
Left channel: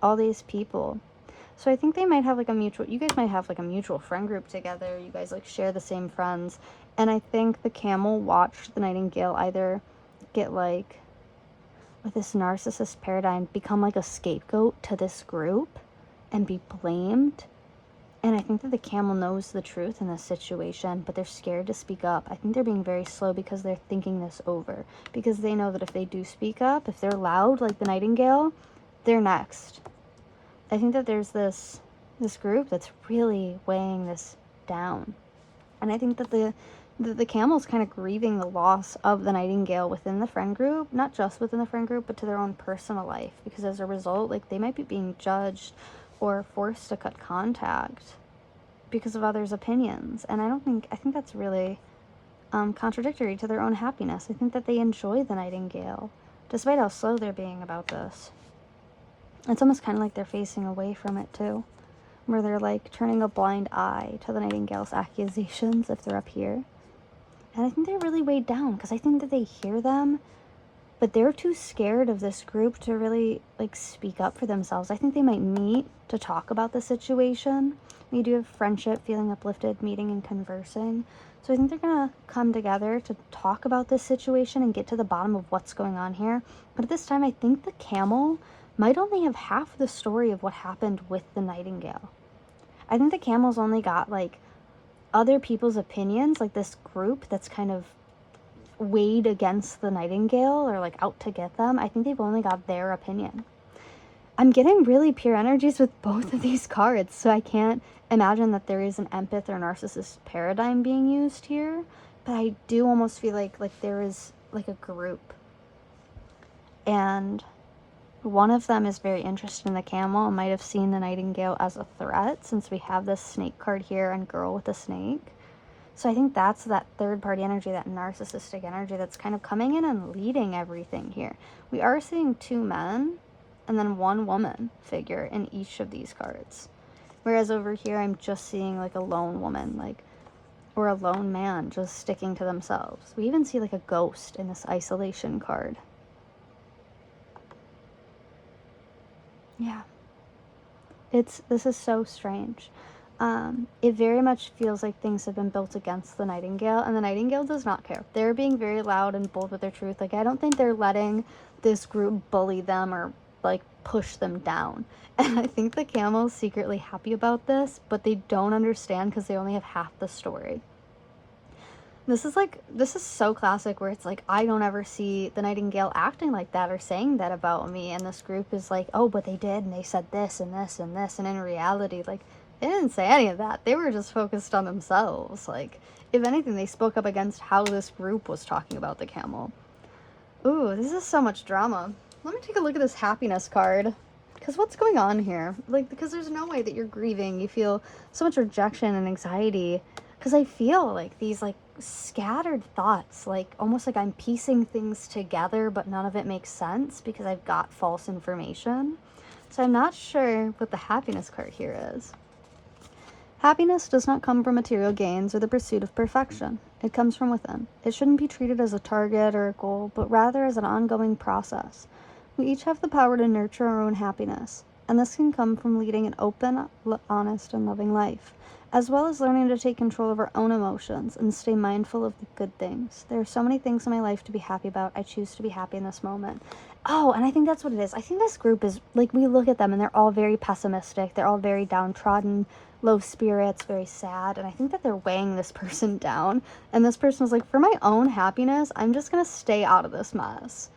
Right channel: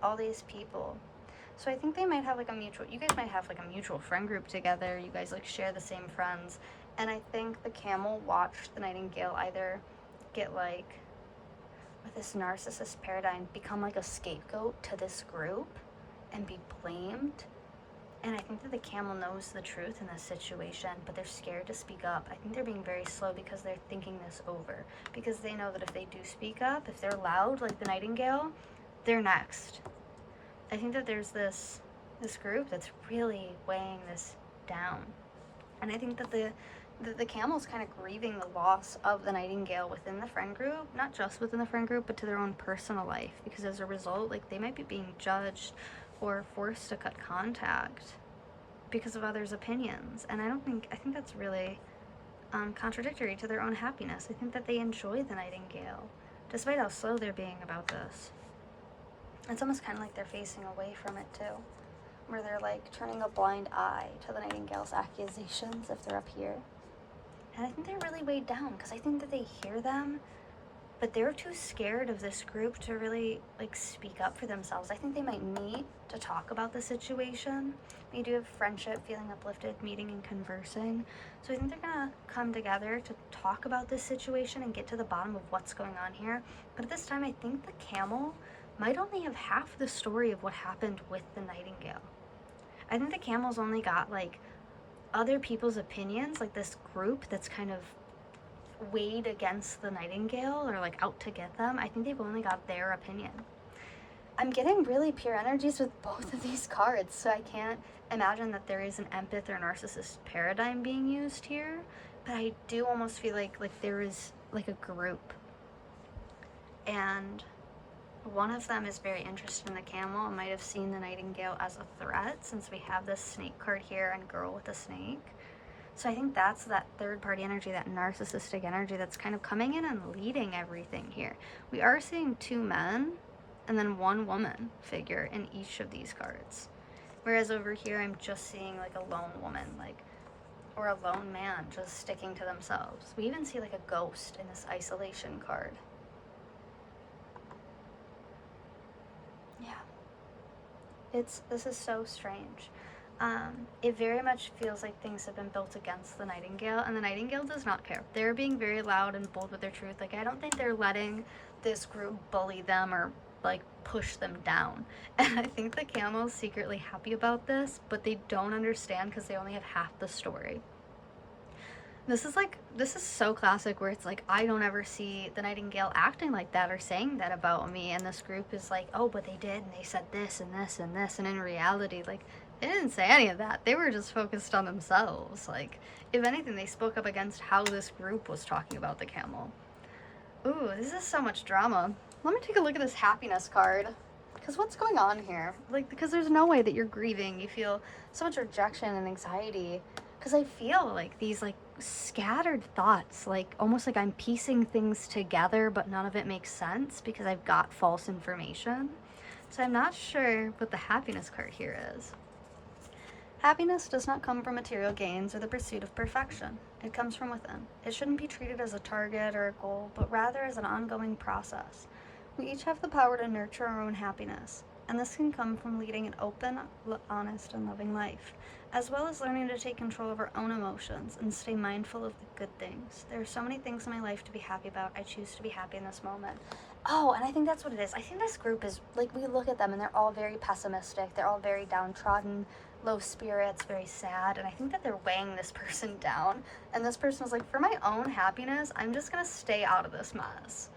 all these people. So I think they might have like you guys might have like a mutual friend group together. You guys like share the same friends. And I think the camel watched the nightingale either get like, with this narcissist paradigm, become like a scapegoat to this group and be blamed. And I think that the camel knows the truth in this situation, but they're scared to speak up. I think they're being very slow because they're thinking this over. Because they know that if they do speak up, if they're loud like the nightingale, they're next. I think that there's this group that's really weighing this down. And I think that the camel's kind of grieving the loss of the nightingale within the friend group, not just within the friend group, but to their own personal life, because as a result, like, they might be being judged or forced to cut contact because of others' opinions. And I think that's really contradictory to their own happiness. I think that they enjoy the nightingale, despite how slow they're being about this. It's almost kind of like they're facing away from it too, where they're like turning a blind eye to the nightingale's accusations if they're up here. And I think they're really weighed down, because I think that they hear them, but they're too scared of this group to really like speak up for themselves. I think they might meet to talk about the situation. We do have friendship, feeling uplifted, meeting and conversing. So I think they're gonna come together to talk about this situation and get to the bottom of what's going on here. But at this time, I think the camel might only have half the story of what happened with the nightingale. I think the camel's only got like other people's opinions, like this group that's kind of weighed against the nightingale or like out to get them. I think they've only got their opinion. I'm getting really pure energies with both of these cards, so I can't imagine that there is an empath or narcissist paradigm being used here, but I do almost feel like there is like a group, and one of them is very interested in the camel and might have seen the nightingale as a threat, since we have this snake card here and girl with a snake. So I think that's that third party energy, that narcissistic energy that's kind of coming in and leading everything here. We are seeing 2 men and then 1 woman figure in each of these cards. Whereas over here, I'm just seeing like a lone woman, like or a lone man just sticking to themselves. We even see like a ghost in this isolation card. Yeah. This is so strange. It very much feels like things have been built against the Nightingale, and the Nightingale does not care. They're being very loud and bold with their truth. Like, I don't think they're letting this group bully them or, like, push them down. And I think the Camel's secretly happy about this, but they don't understand because they only have half the story. This is so classic where it's like, I don't ever see the Nightingale acting like that or saying that about me, and this group is like, oh, but they did, and they said this and this and this, and in reality, like, they didn't say any of that. They were just focused on themselves. Like, if anything, they spoke up against how this group was talking about the Camel. Ooh, this is so much drama. Let me take a look at this happiness card. Because what's going on here? Like, because there's no way that you're grieving. You feel so much rejection and anxiety. Because I feel like these, like, scattered thoughts, like, almost like I'm piecing things together, but none of it makes sense because I've got false information. So I'm not sure what the happiness card here is. Happiness does not come from material gains or the pursuit of perfection. It comes from within. It shouldn't be treated as a target or a goal, but rather as an ongoing process. We each have the power to nurture our own happiness, and this can come from leading an open, honest, and loving life, as well as learning to take control of our own emotions and stay mindful of the good things. There are so many things in my life to be happy about. I choose to be happy in this moment. Oh, and I think that's what it is. I think this group is, like, we look at them and they're all very pessimistic. They're all very downtrodden, low spirits, very sad, and I think that they're weighing this person down, and this person was like, for my own happiness, I'm just gonna stay out of this mess.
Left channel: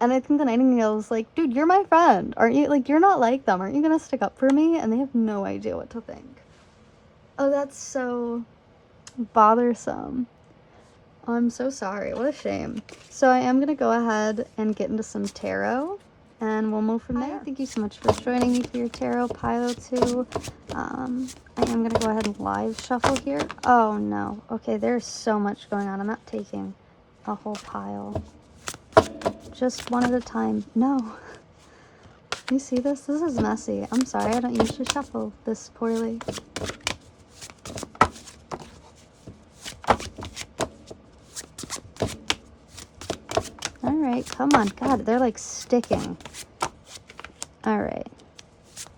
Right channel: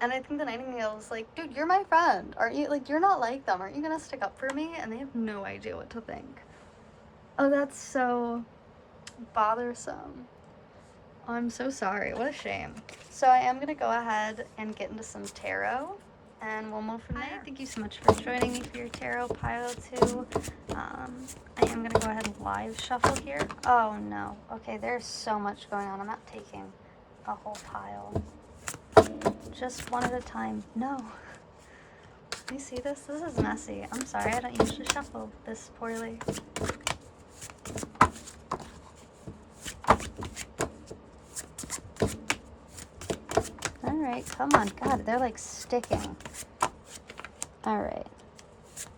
And I think the Nightingale is like, dude, you're my friend, aren't you? Like, you're not like them, aren't you gonna stick up for me? And they have no idea what to think. Oh, that's so bothersome. Oh, I'm so sorry, what a shame. So I am gonna go ahead and get into some tarot, and we'll move from there. Thank you so much for joining me for your tarot pile too. I am gonna go ahead and live shuffle here. Oh no. Okay, there's so much going on. I'm not taking a whole pile. Just one at a time. No. You see this? This is messy. I'm sorry, I don't usually shuffle this poorly. Alright, come on. God, they're like sticking. Alright.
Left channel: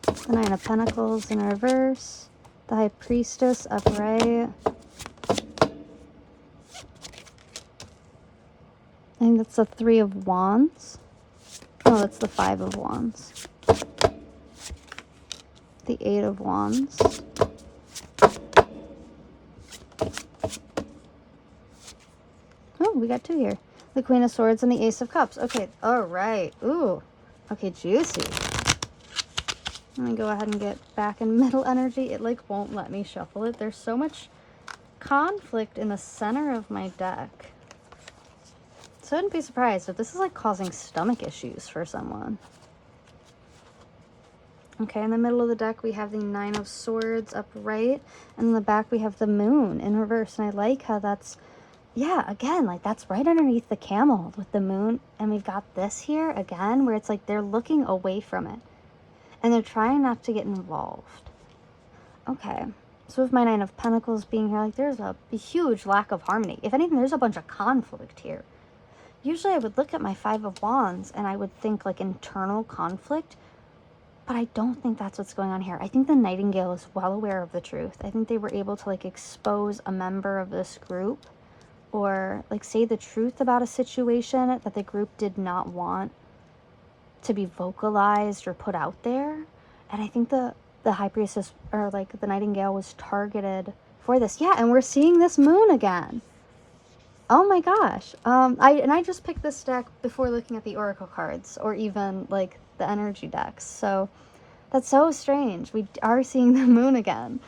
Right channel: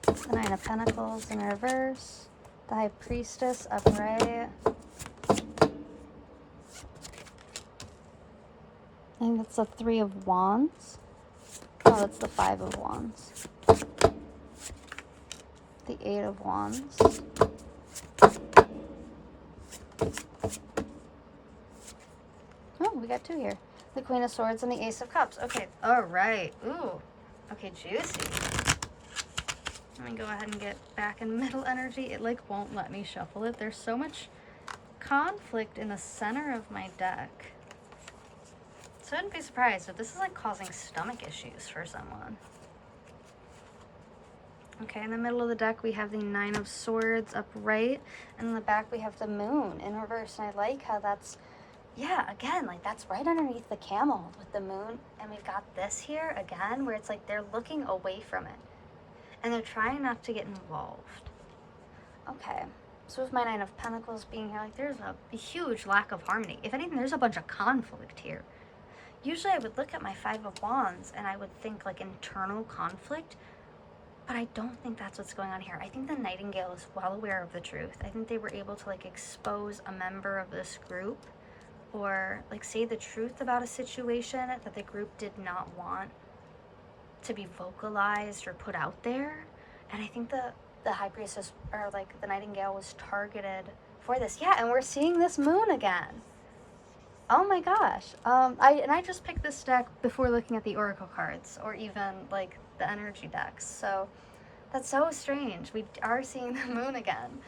The Nine of Pentacles in reverse. The High Priestess upright. I think that's the Three of Wands. Oh, that's the Five of Wands. The Eight of Wands. Oh, we got two here. The Queen of Swords and the Ace of Cups. Okay, alright. Ooh. Okay, juicy. Let me go ahead and get back in middle energy. It, like, won't let me shuffle it. There's so much conflict in the center of my deck. So I wouldn't be surprised if this is, like, causing stomach issues for someone. Okay, in the middle of the deck, we have the Nine of Swords upright. And in the back, we have the Moon in reverse. And I like how that's, yeah, again, like, that's right underneath the Camel with the Moon. And we've got this here, again, where it's like they're looking away from it. And they're trying not to get involved. Okay. So with my Nine of Pentacles being here, like, there's a huge lack of harmony. If anything, there's a bunch of conflict here. Usually I would look at my Five of Wands and I would think, like, internal conflict. But I don't think that's what's going on here. I think the Nightingale is well aware of the truth. I think they were able to, like, expose a member of this group or, like, say the truth about a situation that the group did not want to be vocalized or put out there. And I think the High Priestess, or, like, the Nightingale was targeted for this. Yeah, and we're seeing this Moon again. Oh my gosh. I just picked this deck before looking at the Oracle cards or even, like, the energy decks. So that's so strange. We are seeing the Moon again.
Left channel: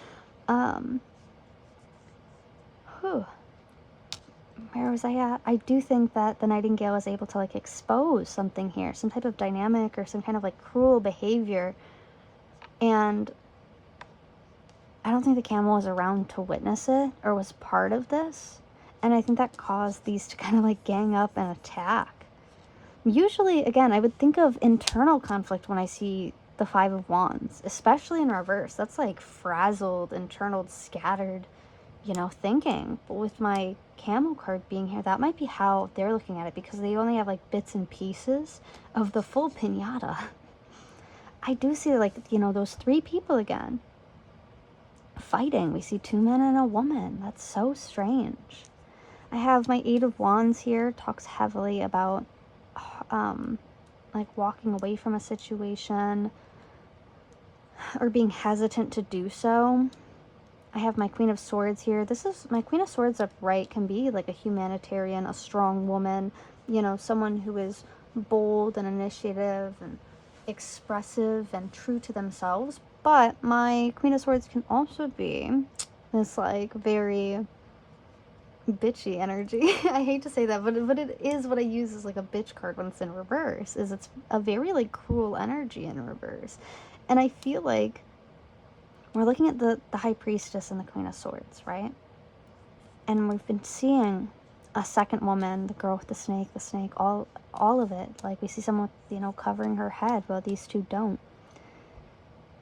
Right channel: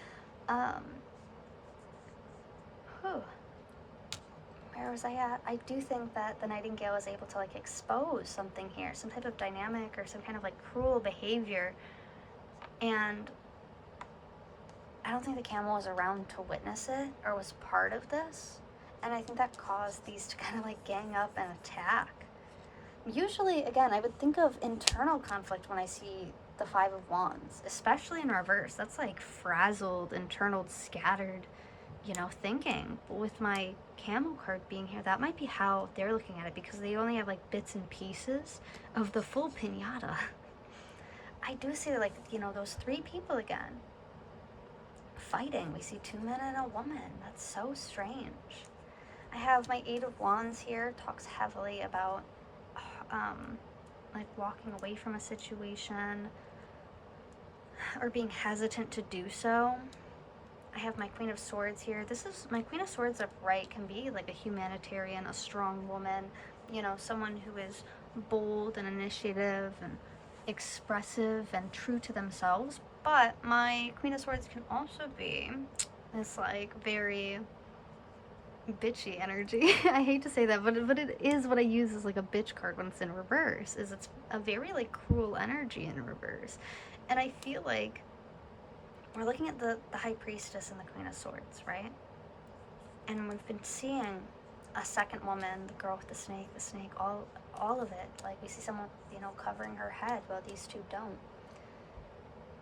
Where was I at? I do think that the Nightingale is able to, like, expose something here, some type of dynamic or some kind of, like, cruel behavior. And I don't think the Camel was around to witness it or was part of this. And I think that caused these to kind of, like, gang up and attack. Usually, again, I would think of internal conflict when I see the Five of Wands, especially in reverse. That's, like, frazzled, internal, scattered you know, thinking. But with my camel card being here, that might be how they're looking at it, because they only have like bits and pieces of the full pinata. I do see, like, you know, those three people again fighting. We see two men and a woman. That's so strange. I have my Eight of Wands here, talks heavily about like walking away from a situation or being hesitant to do so. I have my Queen of Swords here. This is my Queen of Swords upright, can be like a humanitarian, a strong woman, you know, someone who is bold and initiative and expressive and true to themselves. But my Queen of Swords can also be this like very bitchy energy. I hate to say that, but it is what I use as like a bitch card when it's in reverse, is it's a very like cruel energy in reverse. And I feel like we're looking at the High Priestess and the Queen of Swords, right? And we've been seeing a second woman, the girl with the snake, all of it. Like, we see someone, you know, covering her head, while these two don't.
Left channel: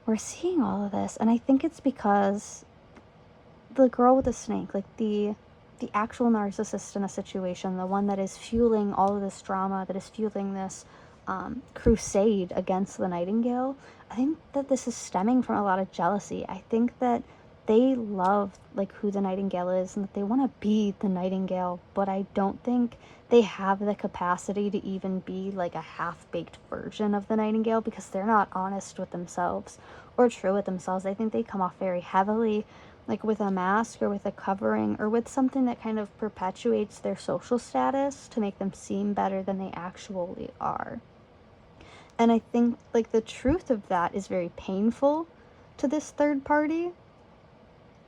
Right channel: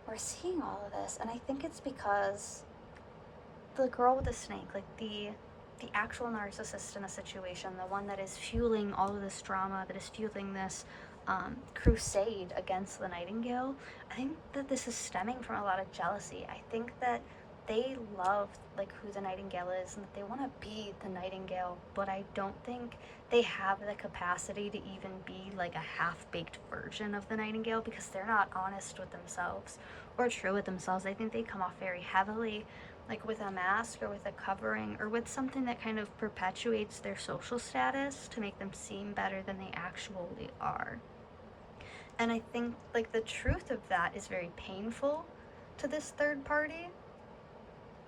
We're seeing all of this, and I think it's because the girl with the snake, like the actual narcissist in a situation, the one that is fueling all of this drama, that is fueling this crusade against the Nightingale, I think that this is stemming from a lot of jealousy. I think that they love like who the Nightingale is, and that they want to be the Nightingale, but I don't think they have the capacity to even be like a half-baked version of the Nightingale, because they're not honest with themselves or true with themselves. I think they come off very heavily, like with a mask or with a covering or with something that kind of perpetuates their social status to make them seem better than they actually are. And I think like the truth of that is very painful to this third party.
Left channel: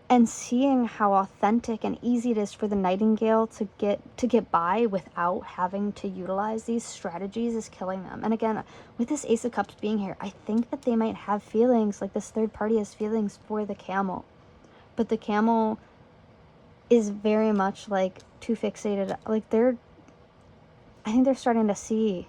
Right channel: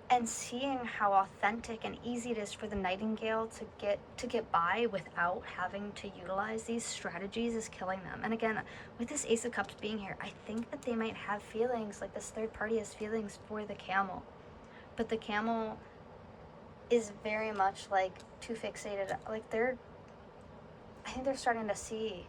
And seeing how authentic and easy it is for the Nightingale to get by without having to utilize these strategies is killing them. And again, with this Ace of Cups being here, I think that they might have feelings, like this third party has feelings for the camel. But the camel is very much like too fixated. Like I think they're starting to see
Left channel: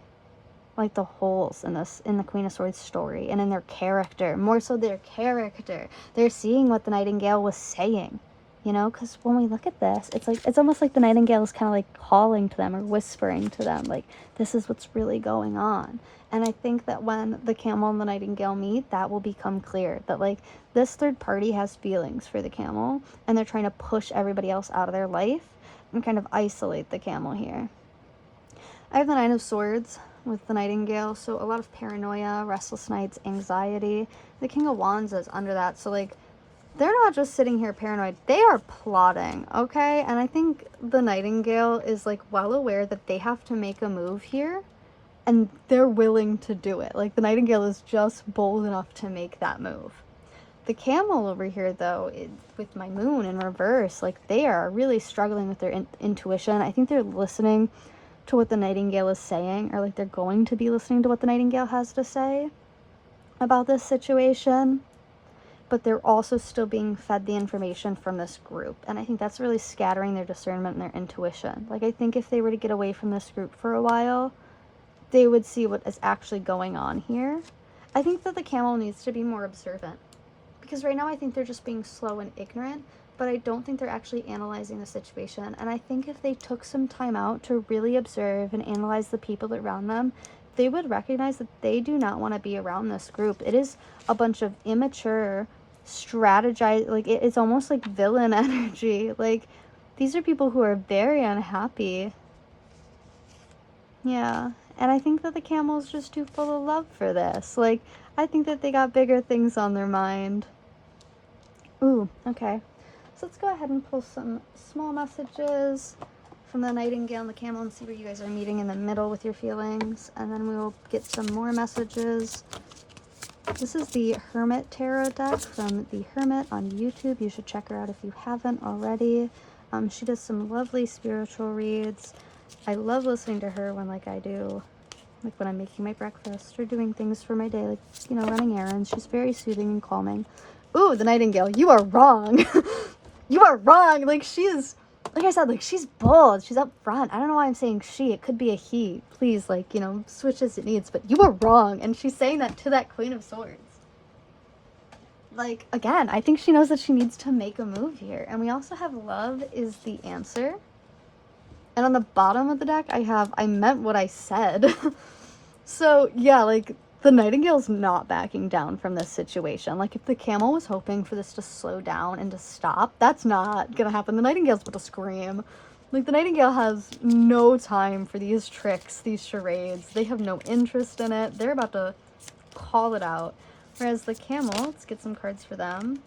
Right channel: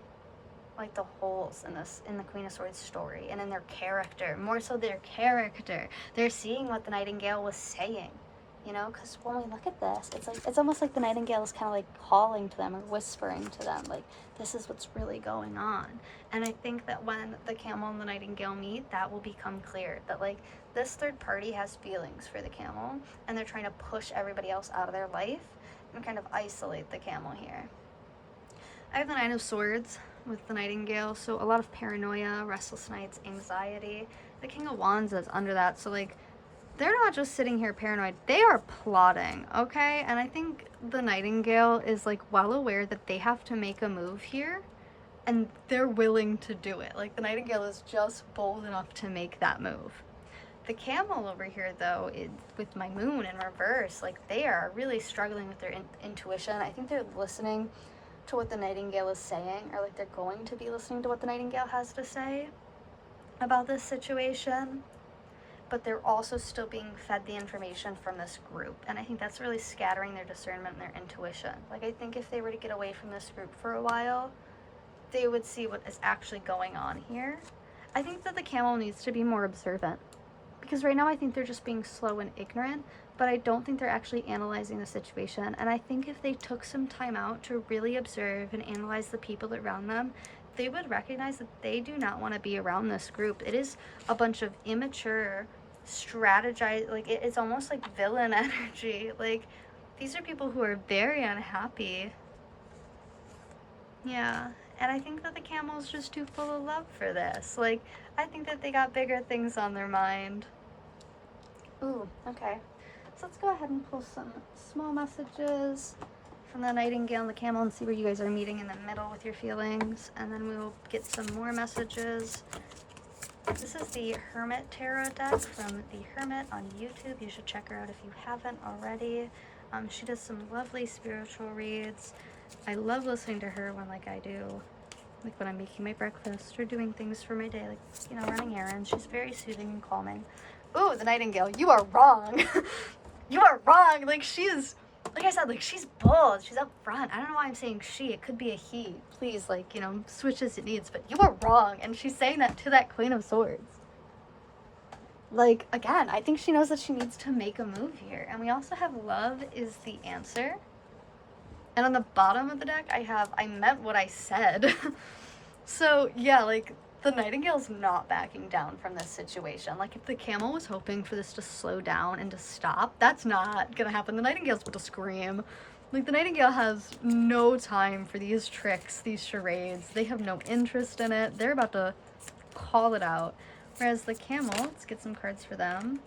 like the holes in the Queen of Swords story and in their character, more so their character. They're seeing what the Nightingale was saying, you know, because when we look at this, it's almost like the Nightingale is kind of like calling to them or whispering to them, like, this is what's really going on. And I think that when the camel and the Nightingale meet, that will become clear, that like this third party has feelings for the camel, and they're trying to push everybody else out of their life and kind of isolate the camel here. I have the Nine of Swords with the Nightingale, so a lot of paranoia, restless nights, anxiety. The King of Wands is under that, so like they're not just sitting here paranoid, they are plotting, okay? And I think the Nightingale is like well aware that they have to make a move here, and they're willing to do it. Like the Nightingale is just bold enough to make that move. The camel over here, though, with my moon in reverse, like they are really struggling with their intuition. I think they're listening to what the Nightingale is saying, or like they're going to be listening to what the Nightingale has to say about this situation, but they're also still being fed the information from this group, and I think that's really scattering their discernment and their intuition. Like I think if they were to get away from this group for a while, they would see what is actually going on here. I think that the camel needs to be more observant, because right now I think they're just being slow and ignorant, but I don't think they're actually analyzing the situation. And I think if they took some time out to really observe and analyze the people around them, they would recognize that they do not want to be around this group. It is a bunch of immature, strategize, like it's almost like villain energy. Like these are people who are very unhappy. Yeah, and I think that the camel's just too full of love for this. Like, I think that they got bigger things on their mind. Ooh, okay. So let's go ahead and pull some small messages from the Nightingale and the Camel and see where you guys are meeting in the middle with your feelings. And then we will get some more messages. This is the Hermit Tarot deck from the Hermit on YouTube. You should check her out if you haven't already. She does some lovely spiritual reads. I love listening to her when, like, I do, like, when I'm making my breakfast or doing things for my day, like, you know, running errands. She's very soothing and calming. Ooh, the Nightingale, you are wrong. You are wrong. Like, she is, like I said, like, she's bold. She's up front. I don't know why I'm saying she. It could be a he. Please, like, you know, switch as it needs. But you were wrong. And she's saying that to that Queen of Swords. like, again, I think she knows that she needs to make a move here. And we also have love is the answer. And on the bottom of the deck, I meant what I said. So, yeah, like, the Nightingale's not backing down from this situation. Like, if the Camel was hoping for this to slow down and to stop, that's not gonna happen. The Nightingale's about to scream. Like, the Nightingale has no time for these tricks, these charades. They have no interest in it. They're about to call it out. Whereas the Camel, let's get some cards for them.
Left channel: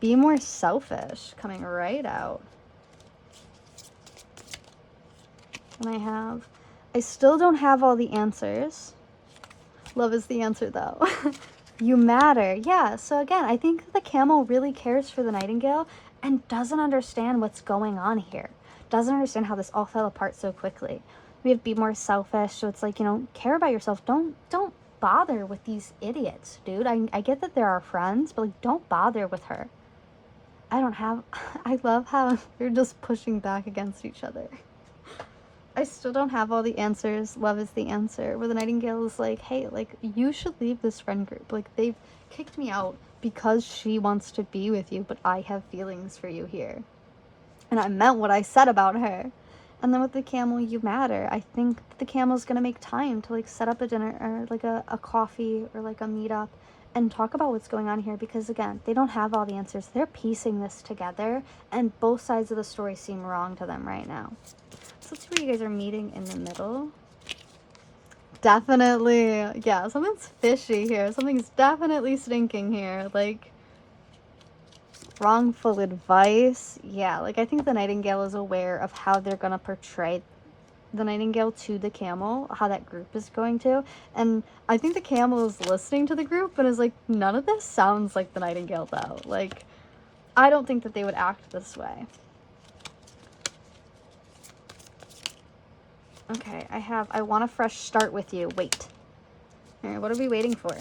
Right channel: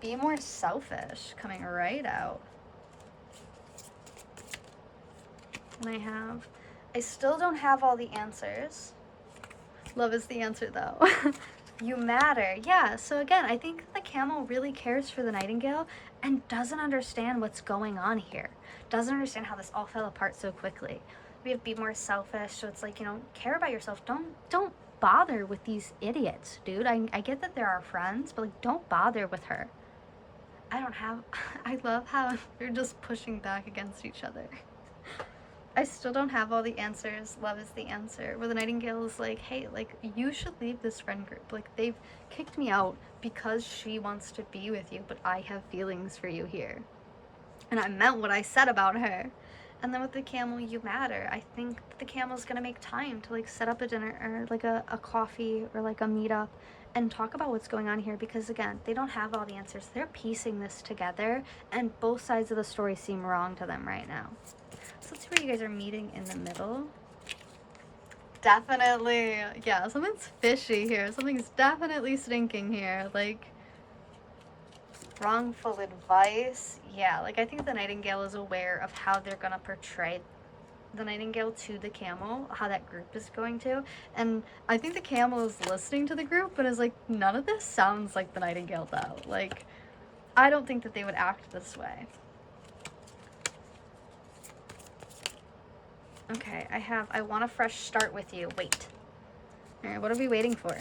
Be more selfish, coming right out. And I still don't have all the answers. Love is the answer, though. You matter. Yeah, so again, I think the Camel really cares for the Nightingale and doesn't understand what's going on here. Doesn't understand how this all fell apart so quickly. We have be more selfish, so it's like, you know, care about yourself. Don't bother with these idiots, dude. I get that they're our friends, but like, don't bother with her. I love how they're just pushing back against each other. I still don't have all the answers. Love is the answer. Where the Nightingale is like, hey, like, you should leave this friend group. Like, they've kicked me out because she wants to be with you, but I have feelings for you here. And I meant what I said about her. And then with the Camel, you matter. I think the Camel's gonna make time to, like, set up a dinner or, like, a coffee or, like, a meetup and talk about what's going on here because, again, they don't have all the answers. They're piecing this together, and both sides of the story seem wrong to them right now. So let's see where you guys are meeting in the middle. Definitely, yeah, something's fishy here. Something's definitely stinking here. Like, wrongful advice. Yeah, like, I think the Nightingale is aware of how they're gonna portray the Nightingale to the Camel, how that group is going to. And I think the Camel is listening to the group and is like, none of this sounds like the Nightingale, though. Like, I don't think that they would act this way. Okay, I want a fresh start with you. Wait. Alright, what are we waiting for?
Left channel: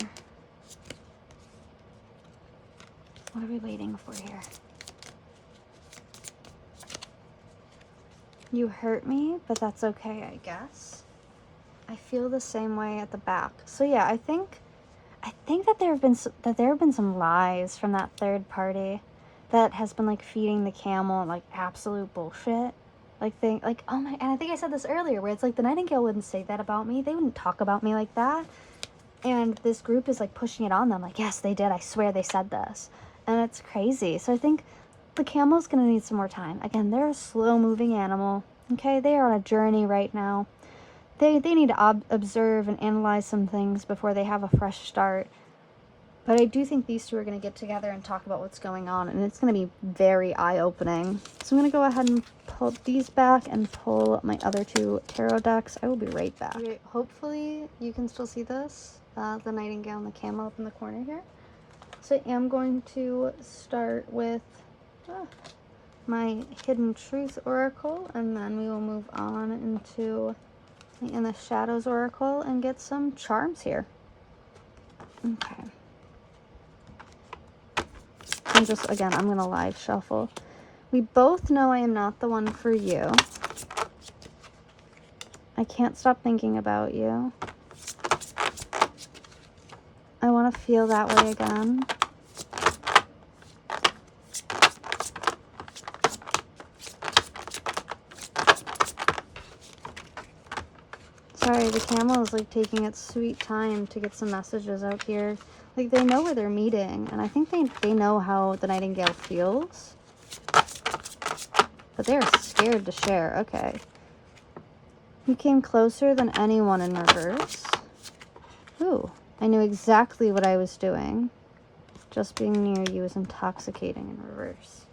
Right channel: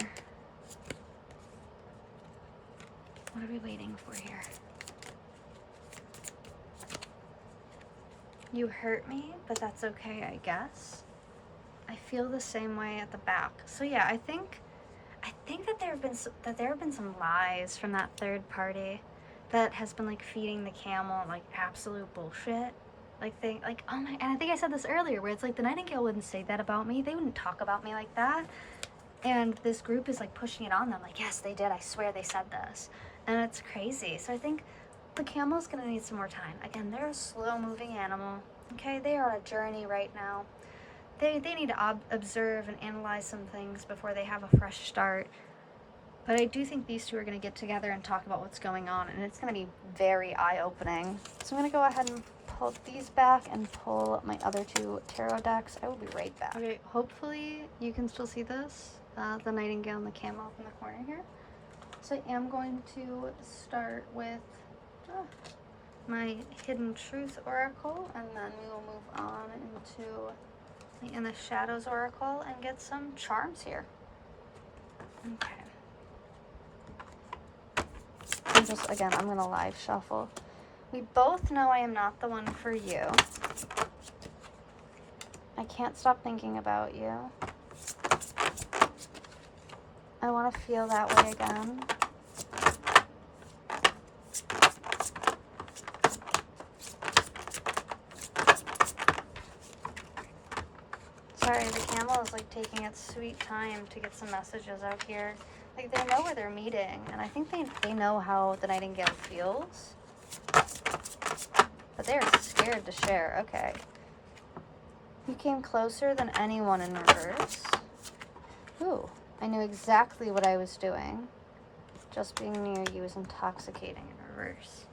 What are we waiting for here? You hurt me, but that's okay, I guess. I feel the same way at the back. So yeah, I think that there have been some lies from that third party that has been like feeding the Camel like absolute bullshit. Like, oh my, and I think I said this earlier, where it's like the Nightingale wouldn't say that about me. They wouldn't talk about me like that. And this group is like pushing it on them, like, yes, they did. I swear they said this. And it's crazy. So I think the Camel's gonna need some more time. Again, they're a slow-moving animal. Okay, they are on a journey right now. They need to observe and analyze some things before they have a fresh start. But I do think these two are going to get together and talk about what's going on, and it's going to be very eye-opening. So I'm going to go ahead and pull these back and pull my other two tarot decks. I will be right back. Okay, hopefully you can still see this, the Nightingale and the Camel up in the corner here. So I am going to start with my Hidden Truth Oracle, and then we will move on into in the Shadows Oracle and get some charms here. Okay. I'm going to live shuffle. We both know I am not the one for you. I can't stop thinking about you. I want to feel that way again. Sorry, the Camel is like taking its sweet time to get some messages out here. Like, they know where they're meeting, and I think they know how the Nightingale feels. But they're scared to share. Okay. You came closer than anyone in reverse. Ooh, I knew exactly what I was doing. Just being near you is intoxicating in reverse.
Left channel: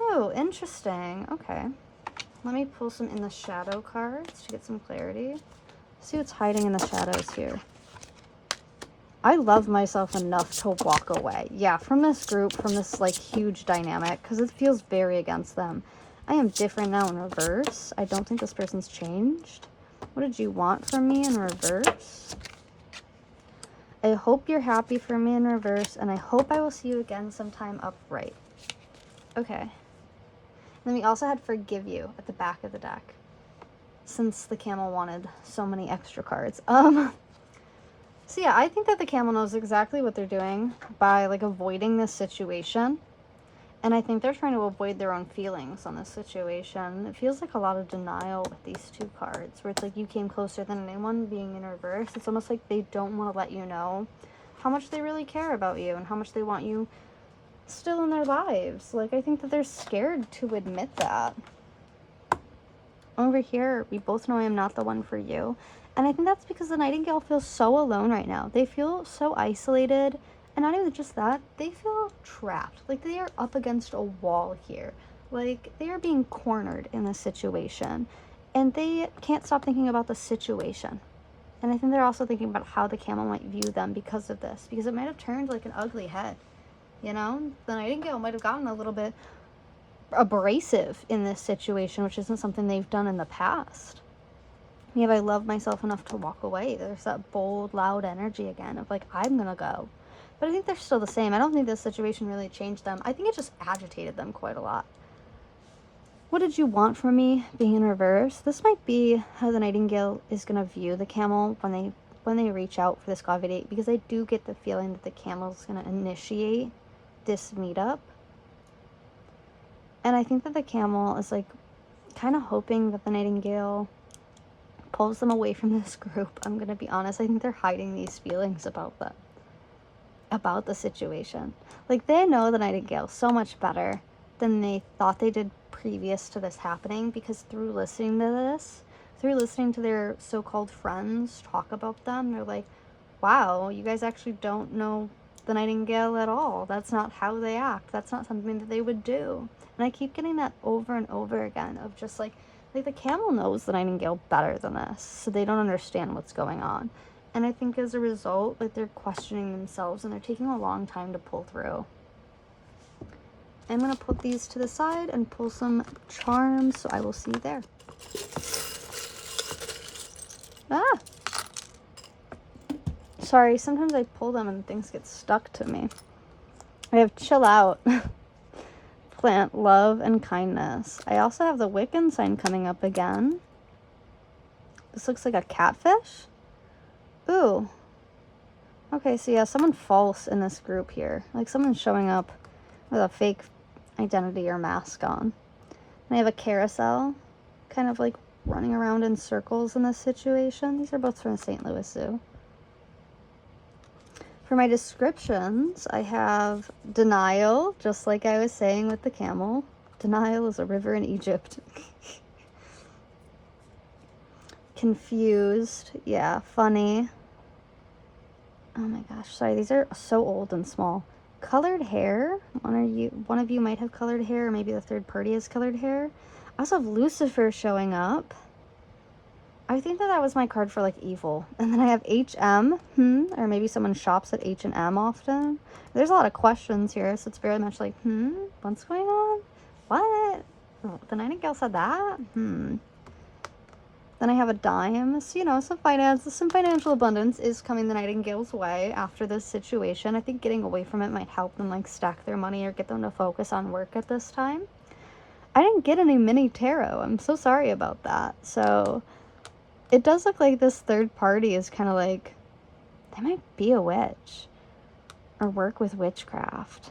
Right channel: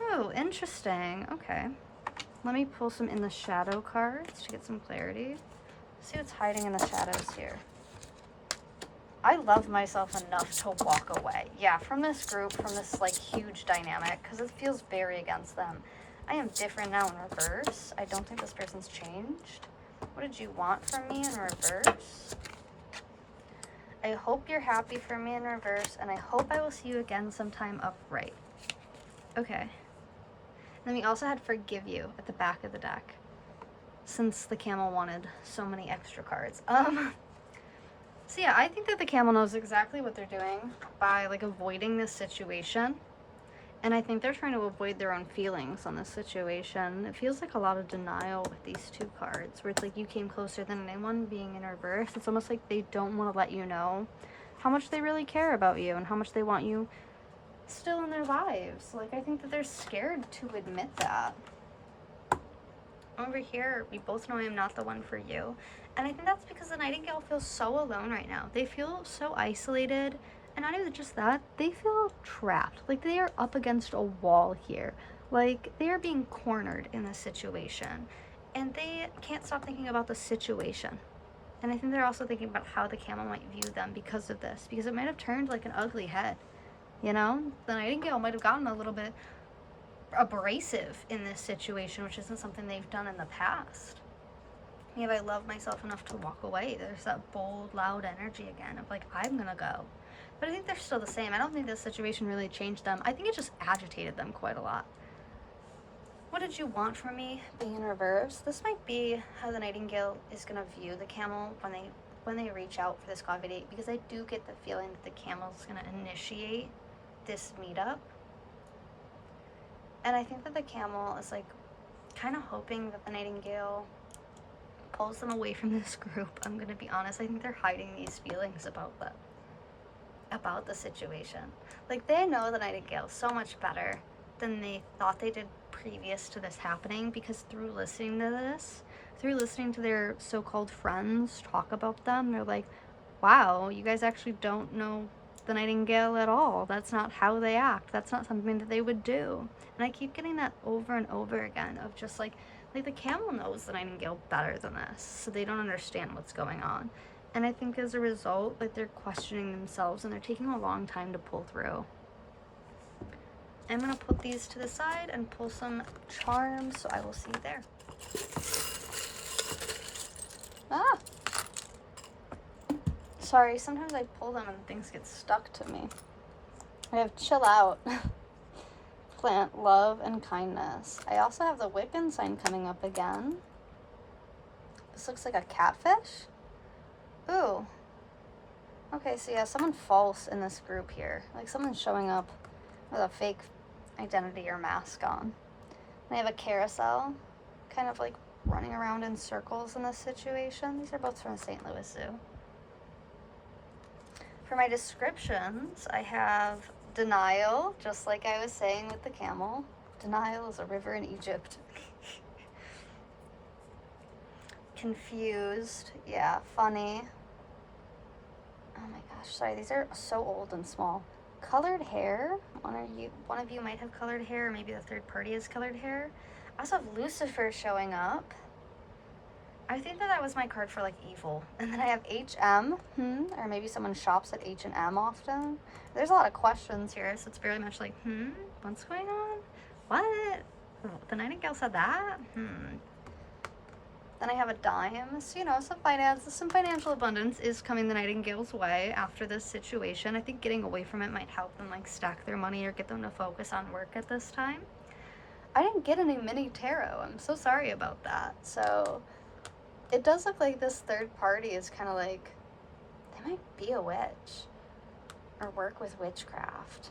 Oh, interesting. Okay. Let me pull some in the shadow cards to get some clarity. See what's hiding in the shadows here. I love myself enough to walk away. Yeah, from this group, from this, like, huge dynamic, because it feels very against them. I am different now in reverse. I don't think this person's changed. What did you want from me in reverse? I hope you're happy for me in reverse, and I hope I will see you again sometime upright. Okay. Then we also had Forgive You at the back of the deck, since the Camel wanted so many extra cards. So yeah, I think that the camel knows exactly what they're doing by like avoiding this situation. And I think they're trying to avoid their own feelings on this situation. It feels like a lot of denial with these two cards, where it's like you came closer than anyone being in reverse. It's almost like they don't want to let you know how much they really care about you and how much they want you still in their lives. Like, I think that they're scared to admit that. Over here, we both know I am not the one for you. And I think that's because the Nightingale feels so alone right now. They feel so isolated. And not even just that, they feel trapped. Like they are up against a wall here. Like they are being cornered in this situation. And they can't stop thinking about the situation. And I think they're also thinking about how the camel might view them because of this. Because it might have turned like an ugly head. You know? The Nightingale might have gotten a little bit abrasive in this situation, which isn't something they've done in the past. Yeah, but I love myself enough to walk away. There's that bold, loud energy again of like, I'm gonna go. But I think they're still the same. I don't think this situation really changed them. I think it just agitated them quite a lot. What did you want from me being in reverse? This might be how the Nightingale is gonna view the camel when they reach out for this coffee date, because I do get the feeling that the camel is gonna initiate this meetup. And I think that the camel is like kind of hoping that the Nightingale pulls them away from this group. I'm gonna be honest. I think they're hiding these feelings about the situation. Like they know the Nightingale so much better than they thought they did previous to this happening, because through listening to their so-called friends talk about them, they're like, wow, you guys actually don't know the Nightingale at all. That's not how they act. That's not something that they would do. And I keep getting that over and over again of just like the camel knows the Nightingale better than this, so they don't understand what's going on. And I think as a result, like they're questioning themselves and they're taking a long time to pull through. I'm gonna put these to the side and pull some charms, so I will see you there. Ah! Sorry, sometimes I pull them and things get stuck to me. I have Chill Out, Plant Love and Kindness. I also have the Wiccan sign coming up again. This looks like a catfish. Ooh. Okay, so yeah, someone false in this group here. Like someone's showing up with a fake identity or mask on. And I have a carousel, kind of like running around in circles in this situation. These are both from the St. Louis Zoo. For my descriptions, I have denial, just like I was saying with the camel. Denial is a river in Egypt. Confused, yeah, funny. Oh my gosh, sorry, these are so old and small. Colored hair. One of you might have colored hair, or maybe the third party has colored hair. I also have Lucifer showing up. I think that was my card for like evil. And then I have HM, or maybe someone shops at H&M often. There's a lot of questions here, so it's very much like, what's going on? What? The Nightingale said that? Then I have a dime. So, you know, some financial abundance is coming the Nightingale's way after this situation. I think getting away from it might help them like stack their money or get them to focus on work at this time. I didn't get any mini tarot. I'm so sorry about that. So it does look like this third party is kind of like, they might be a witch or work with witchcraft.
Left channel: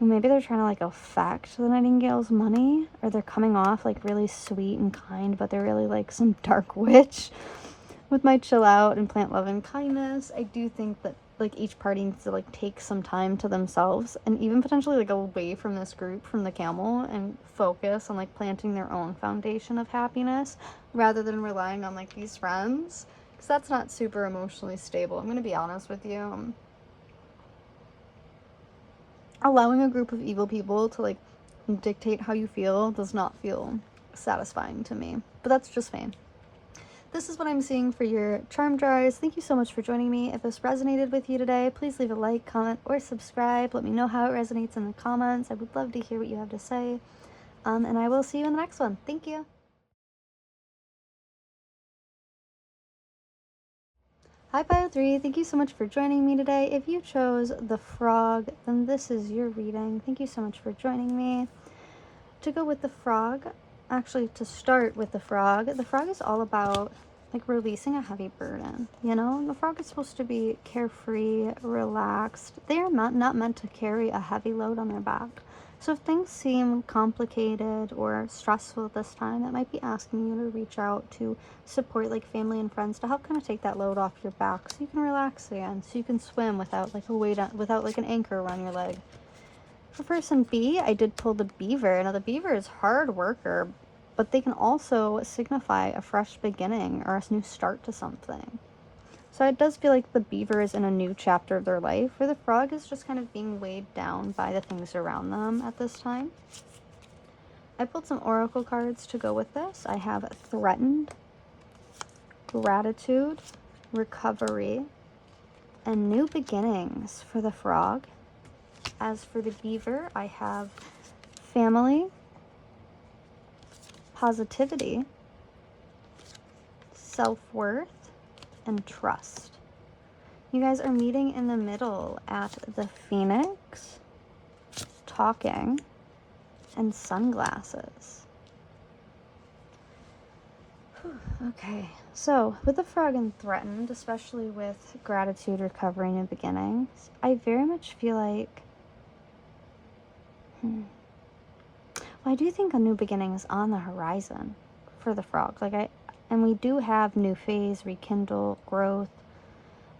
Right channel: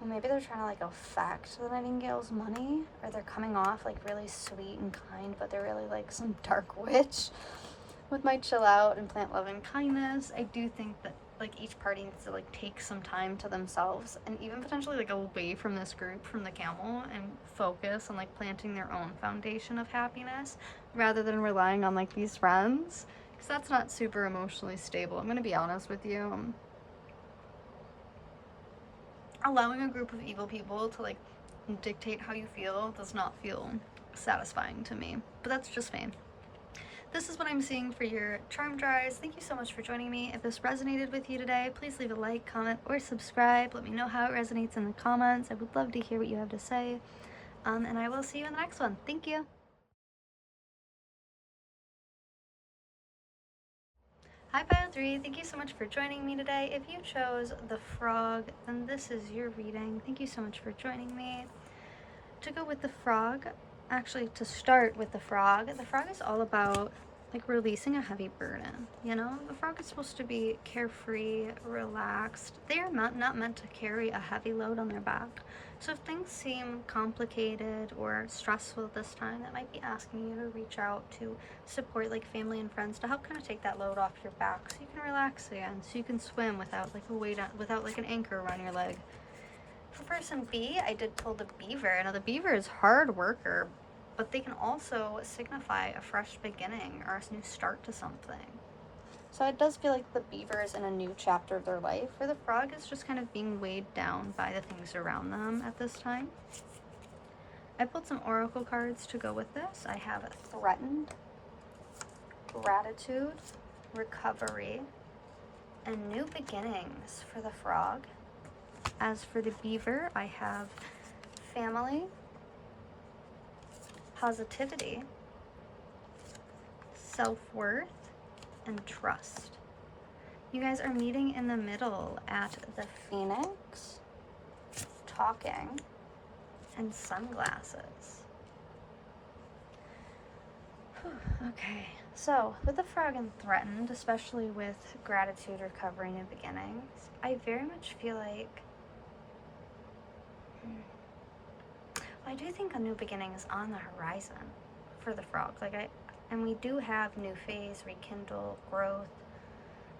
Maybe they're trying to like affect the Nightingale's money, or they're coming off like really sweet and kind, but they're really like some dark witch. With my Chill Out and Plant Love and Kindness, I do think that like each party needs to like take some time to themselves and even potentially like away from this group, from the camel, and focus on like planting their own foundation of happiness rather than relying on like these friends, because that's not super emotionally stable. I'm gonna be honest with you. Allowing a group of evil people to like dictate how you feel does not feel satisfying to me, but that's just me. This is what I'm seeing for your charm drawers. Thank you so much for joining me. If this resonated with you today, please leave a like, comment, or subscribe. Let me know how it resonates in the comments. I would love to hear what you have to say. And I will see you in the next one. Thank you. Hi Pile 3, thank you so much for joining me today. If you chose the frog, then this is your reading. Thank you so much for joining me. To go with the frog, actually to start with the frog is all about like releasing a heavy burden, you know? The frog is supposed to be carefree, relaxed. They are not meant to carry a heavy load on their back. So if things seem complicated or stressful at this time, that might be asking you to reach out to support like family and friends to help kind of take that load off your back so you can relax again, so you can swim without like a weight on, without like an anchor around your leg. For person B, I did pull the beaver. Now the beaver is hard worker, but they can also signify a fresh beginning or a new start to something. So it does feel like the beaver is in a new chapter of their life, where the frog is just kind of being weighed down by the things around them at this time. I pulled some oracle cards to go with this. I have threatened, gratitude, recovery, and new beginnings for the frog. As for the beaver, I have family, positivity, self-worth, and trust. You guys are meeting in the middle at the Phoenix, talking, and sunglasses. Okay, so with the frog and threatened, especially with gratitude, recovery, and beginnings, I very much feel like I do think a new beginning is on the horizon for the frog. And we do have new phase, rekindle, growth.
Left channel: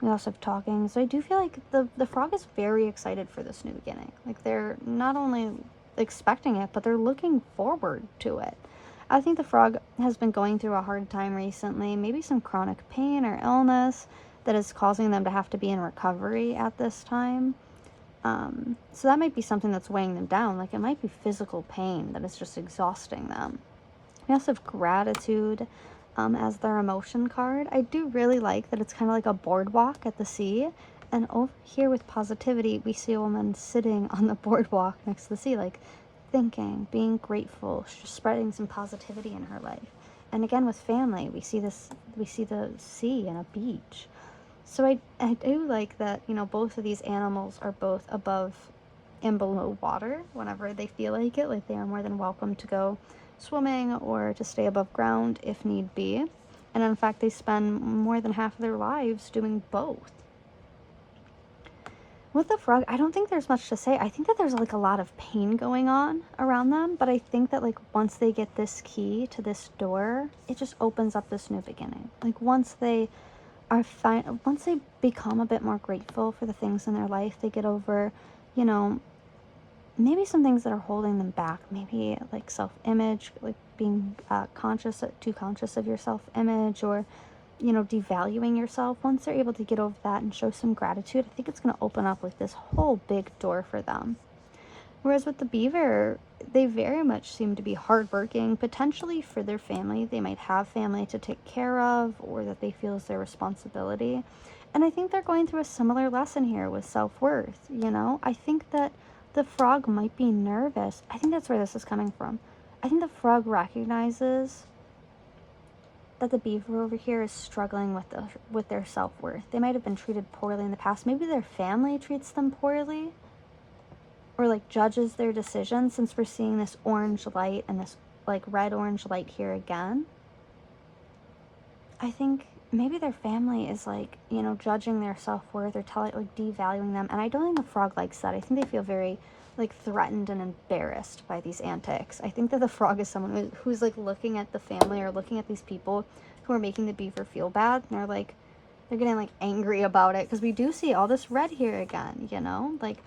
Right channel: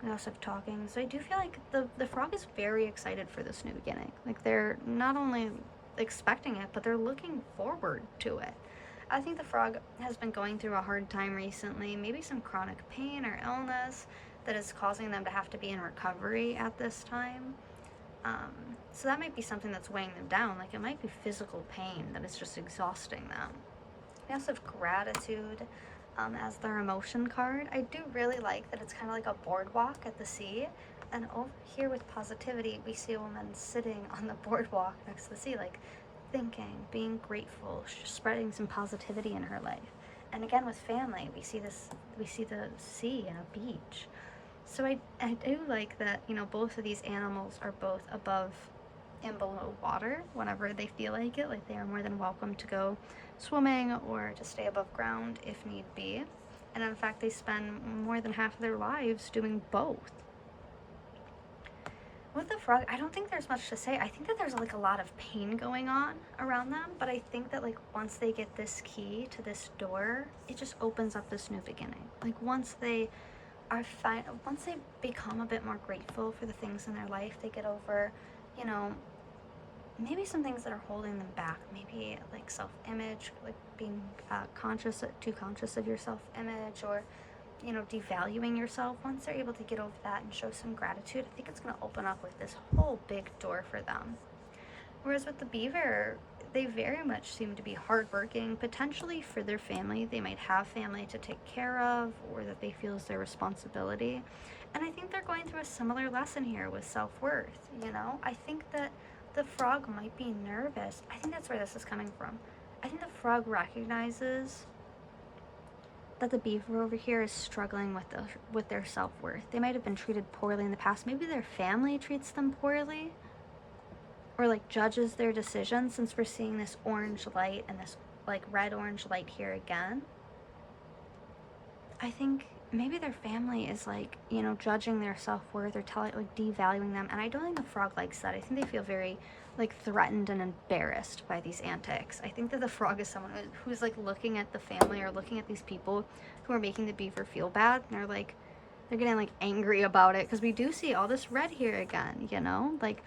We also have talking. So I do feel like the frog is very excited for this new beginning. Like they're not only expecting it, but they're looking forward to it. I think the frog has been going through a hard time recently, maybe some chronic pain or illness that is causing them to have to be in recovery at this time. So that might be something that's weighing them down. Like it might be physical pain that is just exhausting them. We also have gratitude as their emotion card. I do really like that it's kind of like a boardwalk at the sea. And over here with positivity, we see a woman sitting on the boardwalk next to the sea, like thinking, being grateful, spreading some positivity in her life. And again with family, we see the sea and a beach. So I do like that, you know, both of these animals are both above and below water whenever they feel like it. Like they are more than welcome to go swimming or to stay above ground if need be. And in fact, they spend more than half of their lives doing both. With the frog, I don't think there's much to say. I think that there's like a lot of pain going on around them, but I think that like once they get this key to this door, it just opens up this new beginning. Like once they become a bit more grateful for the things in their life, they get over, you know, maybe some things that are holding them back, maybe like self-image, like being too conscious of your self-image, or, you know, devaluing yourself. Once they're able to get over that and show some gratitude, I think it's going to open up with this whole big door for them. Whereas with the beaver, they very much seem to be hardworking, potentially for their family. They might have family to take care of, or that they feel is their responsibility. And I think they're going through a similar lesson here with self-worth, you know? I think that the frog might be nervous. I think that's where this is coming from. I think the frog recognizes that the beaver over here is struggling with their self-worth. They might have been treated poorly in the past. Maybe their family treats them poorly, or like judges their decisions, since we're seeing this orange light and this like red-orange light here again. I think maybe their family is like, you know, judging their self-worth or devaluing them. And I don't think the frog likes that. I think they feel very like threatened and embarrassed by these antics. I think that the frog is someone who's like looking at the family or looking at these people who are making the beaver feel bad, and they're getting like angry about it, because we do see all this red here again, you know? Like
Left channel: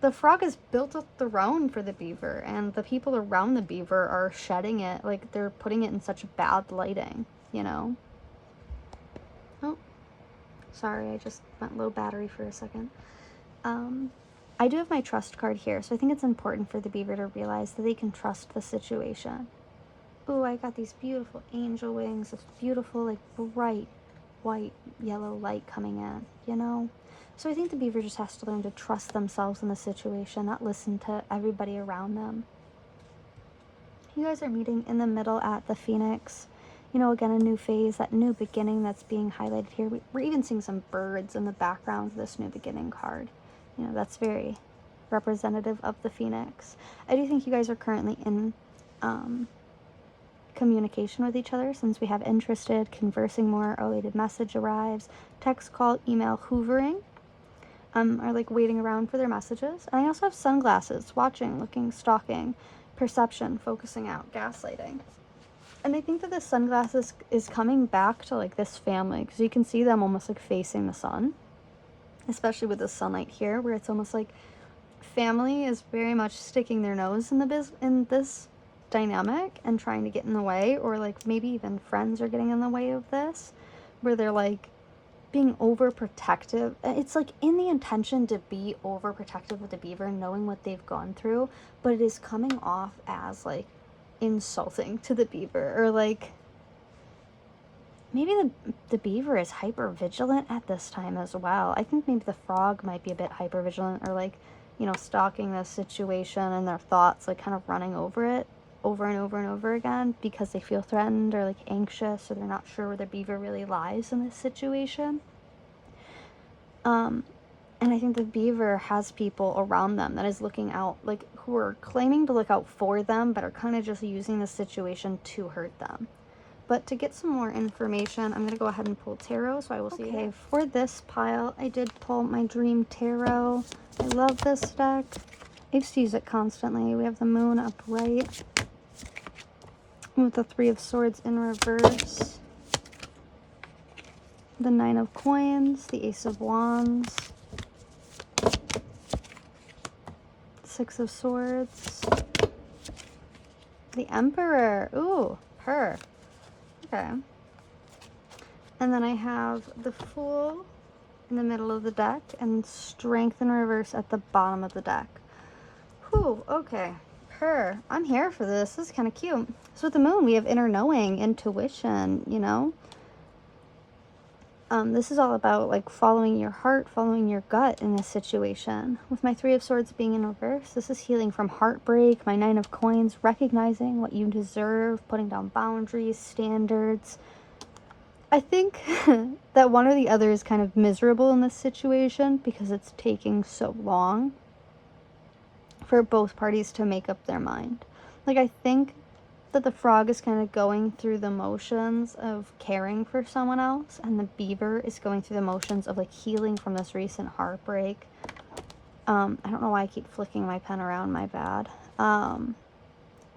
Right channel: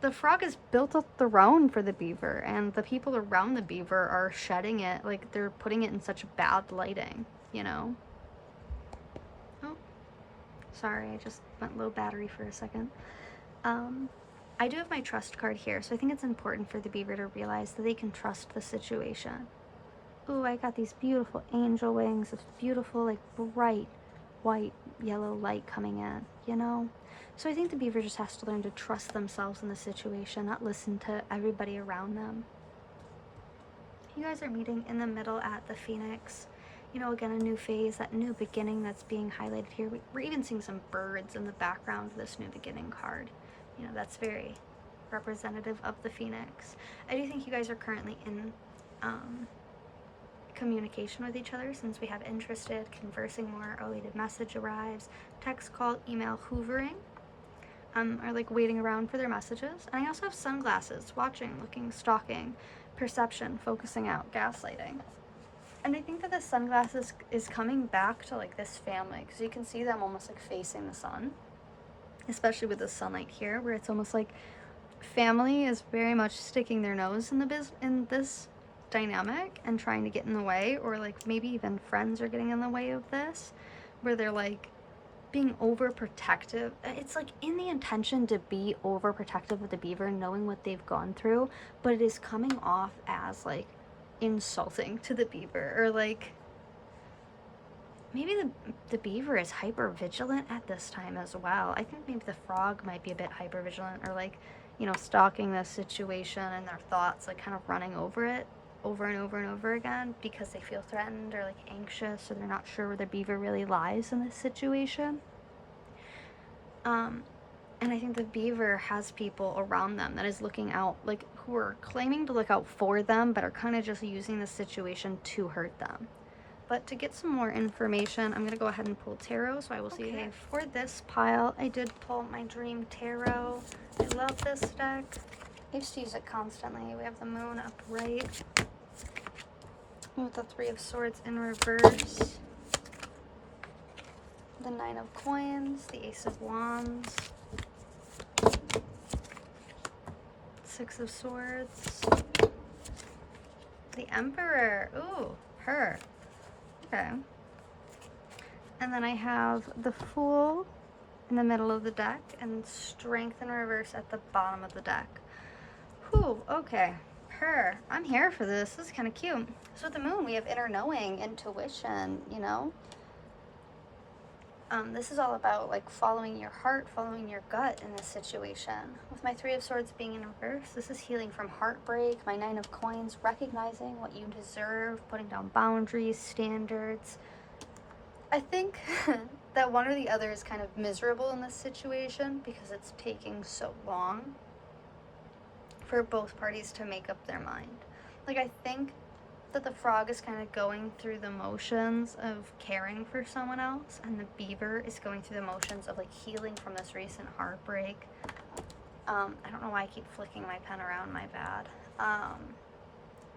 the frog has built a throne for the beaver, and the people around the beaver are shedding it. Like they're putting it in such bad lighting, you know? Oh, sorry, I just went low battery for a second. I do have my trust card here, so I think it's important for the beaver to realize that they can trust the situation. Ooh, I got these beautiful angel wings, this beautiful, like, bright white, yellow light coming in, you know? So I think the beaver just has to learn to trust themselves in the situation, not listen to everybody around them. You guys are meeting in the middle at the Phoenix. You know, again, a new phase, that new beginning that's being highlighted here. We're even seeing some birds in the background of this new beginning card. You know, that's very representative of the Phoenix. I do think you guys are currently in communication with each other, since we have interested, conversing more, awaited message arrives, text, call, email, hoovering, are like waiting around for their messages. And I also have sunglasses, watching, looking, stalking, perception, focusing out, gaslighting. And I think that the sunglasses is coming back to like this family, because you can see them almost like facing the sun, especially with the sunlight here, where it's almost like family is very much sticking their nose in in this dynamic and trying to get in the way, or like maybe even friends are getting in the way of this, where they're like being overprotective. It's like in the intention to be overprotective of the beaver, knowing what they've gone through, but it is coming off as like insulting to the beaver, or like maybe the beaver is hyper vigilant at this time as well. I think maybe the frog might be a bit hyper vigilant, or like, you know, stalking this situation and their thoughts, like kind of running over it over and over and over again because they feel threatened or like anxious, or they're not sure where the beaver really lies in this situation. And I think the beaver has people around them that is looking out, like who are claiming to look out for them, but are kind of just using the situation to hurt them. But to get some more information, I'm going to go ahead and pull tarot, so I will see you there. For this pile, I did pull my Dream Tarot. I love this deck. I used to use it constantly. We have the Moon upright with the Three of Swords in reverse, the Nine of Coins, the Ace of Wands, Six of Swords, the Emperor. Ooh, her. Okay. And then I have the Fool in the middle of the deck and Strength in reverse at the bottom of the deck. Whew, okay. Her. I'm here for this. This is kind of cute. So with the Moon, we have inner knowing, intuition, you know. This is all about like following your heart, following your gut in this situation. With my Three of Swords being in reverse, this is healing from heartbreak. My Nine of Coins, recognizing what you deserve, putting down boundaries, standards. I think that one or the other is kind of miserable in this situation because it's taking so long for both parties to make up their mind. Like, I think that the frog is kind of going through the motions of caring for someone else, and the beaver is going through the motions of like healing from this recent heartbreak. I don't know why I keep flicking my pen around, my bad.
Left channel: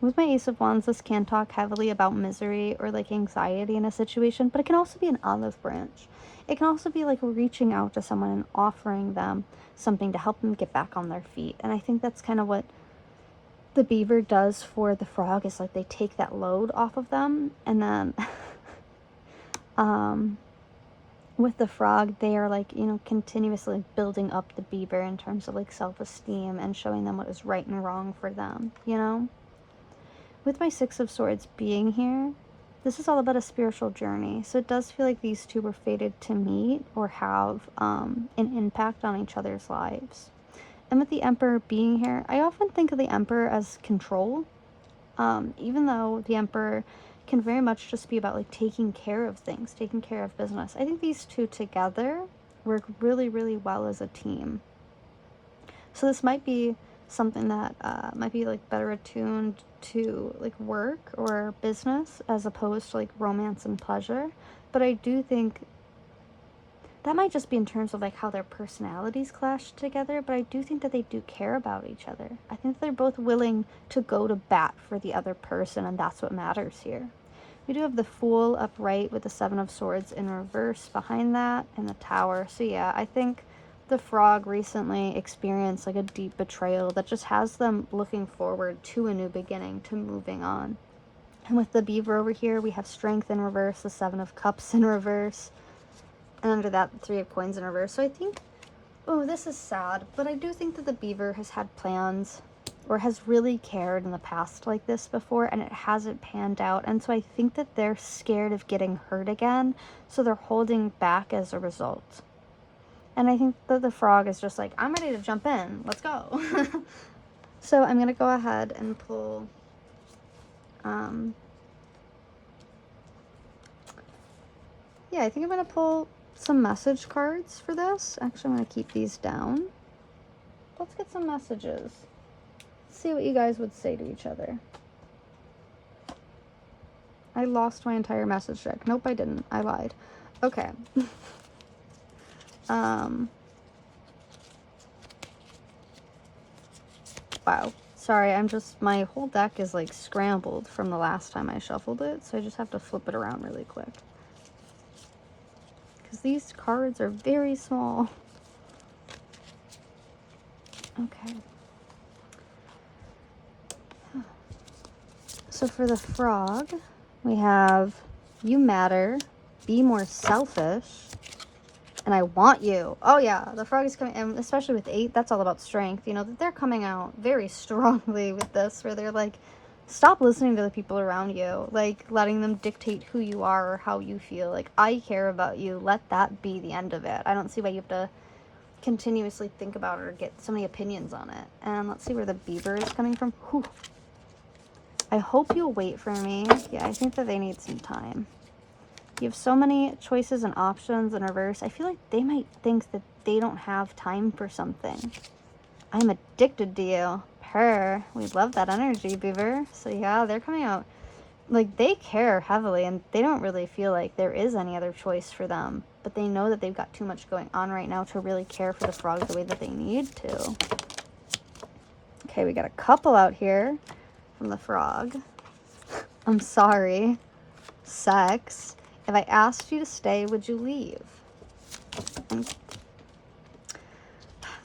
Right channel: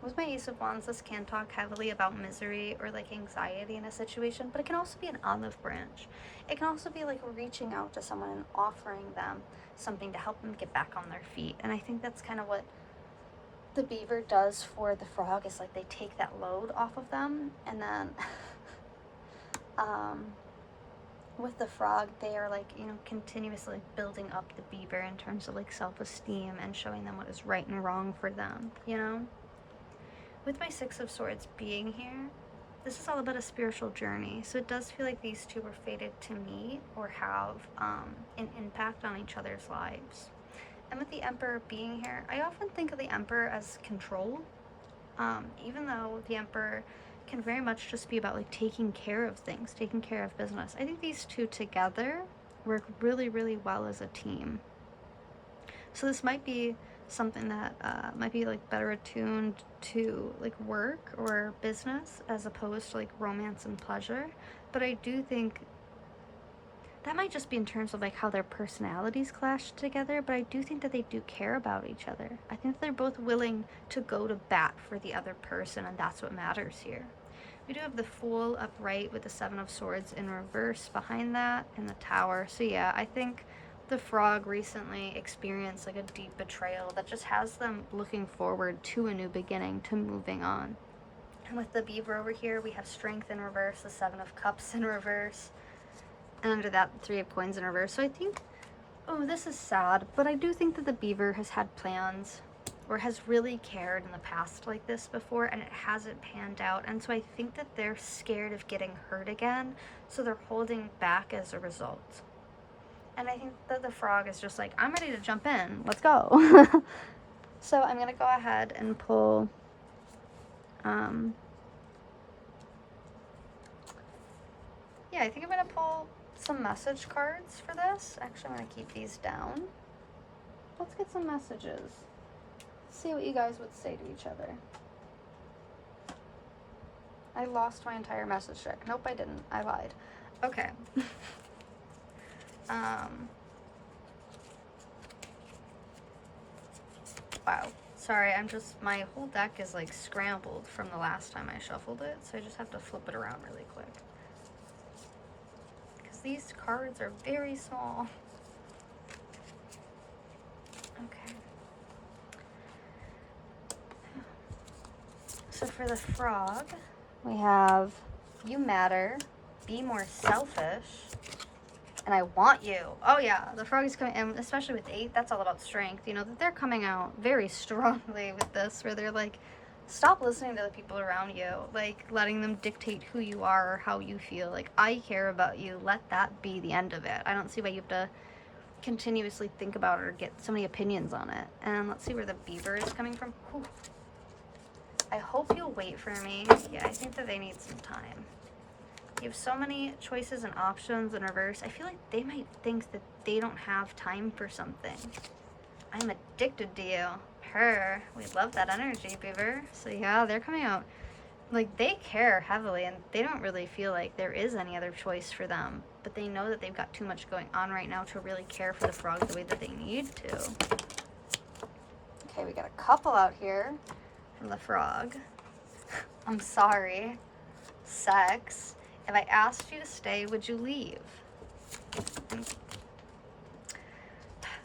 With my Ace of Wands, this can talk heavily about misery or like anxiety in a situation, but it can also be an olive branch. It can also be like reaching out to someone and offering them something to help them get back on their feet. And I think that's kind of what the beaver does for the frog, is like they take that load off of them, and then with the frog, they are like, you know, continuously building up the beaver in terms of like self-esteem and showing them what is right and wrong for them, you know. With my Six of Swords being here, this is all about a spiritual journey, so it does feel like these two were fated to meet or have an impact on each other's lives. And with the Emperor being here, I often think of the Emperor as control, even though the Emperor can very much just be about like taking care of things, taking care of business. I think these two together work really, really well as a team. So this might be something that might be like better attuned to like work or business as opposed to like romance and pleasure. But I do think that might just be in terms of like how their personalities clash together, but I do think that they do care about each other. I think they're both willing to go to bat for the other person, and that's what matters here. We do have the Fool upright with the Seven of Swords in reverse behind that, and the Tower. So yeah, I think the frog recently experienced like a deep betrayal that just has them looking forward to a new beginning, to moving on. And with the beaver over here, we have Strength in reverse, the Seven of Cups in reverse, and under that, the Three of Coins in reverse. So I think, oh, this is sad, but I do think that the beaver has had plans or has really cared in the past like this before, and it hasn't panned out. And so I think that they're scared of getting hurt again, so they're holding back as a result. And I think that the frog is just like, I'm ready to jump in. Let's go. So I'm going to go ahead and pull yeah, I think I'm going to pull some message cards for this. Actually, I'm going to keep these down. Let's get some messages. See what you guys would say to each other. I lost my entire message deck. Nope, I didn't. I lied. Okay. Wow. Sorry, my whole deck is like scrambled from the last time I shuffled it, so I just have to flip it around really quick. Because these cards are very small. Okay. So for the frog, we have you matter, be more selfish, and I want you. Oh yeah, the frog is coming, and especially with 8, that's all about strength. You know, that they're coming out very strongly with this, where they're like, stop listening to the people around you, like letting them dictate who you are or how you feel. Like, I care about you, let that be the end of it. I don't see why you have to continuously think about it or get so many opinions on it. And let's see where the beaver is coming from. Whew. I hope you'll wait for me. Yeah, I think that they need some time. You have so many choices and options in reverse. I feel like they might think that they don't have time for something. I'm addicted to you. Purr. We love that energy, beaver. So yeah, they're coming out. Like, they care heavily, and they don't really feel like there is any other choice for them. But they know that they've got too much going on right now to really care for the frog the way that they need to. Okay, we got a couple out here from the frog. I'm sorry. Sex. If I asked you to stay, would you leave? And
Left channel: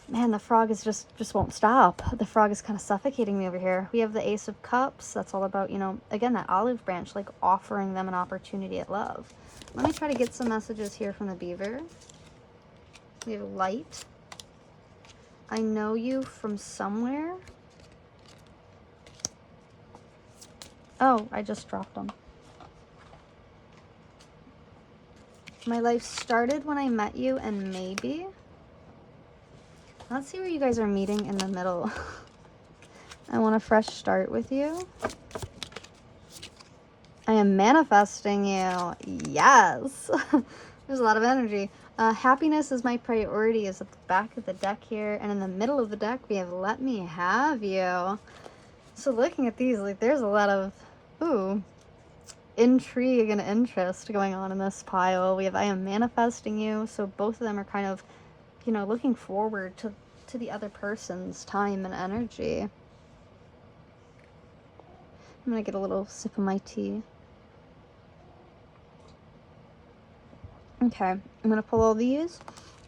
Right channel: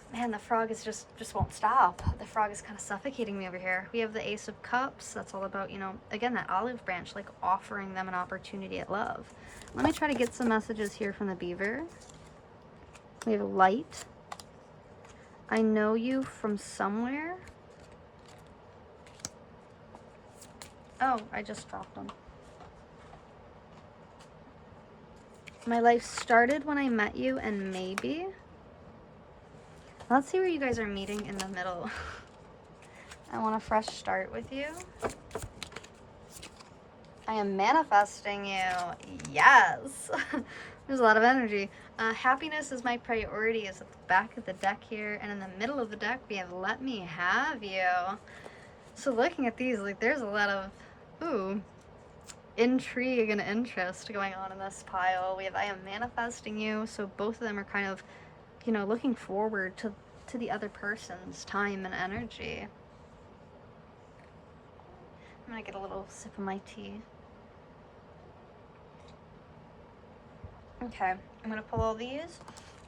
man, the frog is just won't stop. The frog is kind of suffocating me over here. We have the Ace of Cups. That's all about, you know, again, that olive branch, like offering them an opportunity at love. Let me try to get some messages here from the beaver. We have light. I know you from somewhere. Oh, I just dropped them. My life started when I met you, and maybe. Let's see where you guys are meeting in the middle. I want a fresh start with you. I am manifesting you. Yes. There's a lot of energy. Happiness is my priority is at the back of the deck here. And in the middle of the deck, we have let me have you. So looking at these, like, there's a lot of, ooh, intrigue and interest going on in this pile. We have I am manifesting you. So both of them are kind of, you know, looking forward to the other person's time and energy. I'm gonna get a little sip of my tea. Okay, I'm gonna pull all these,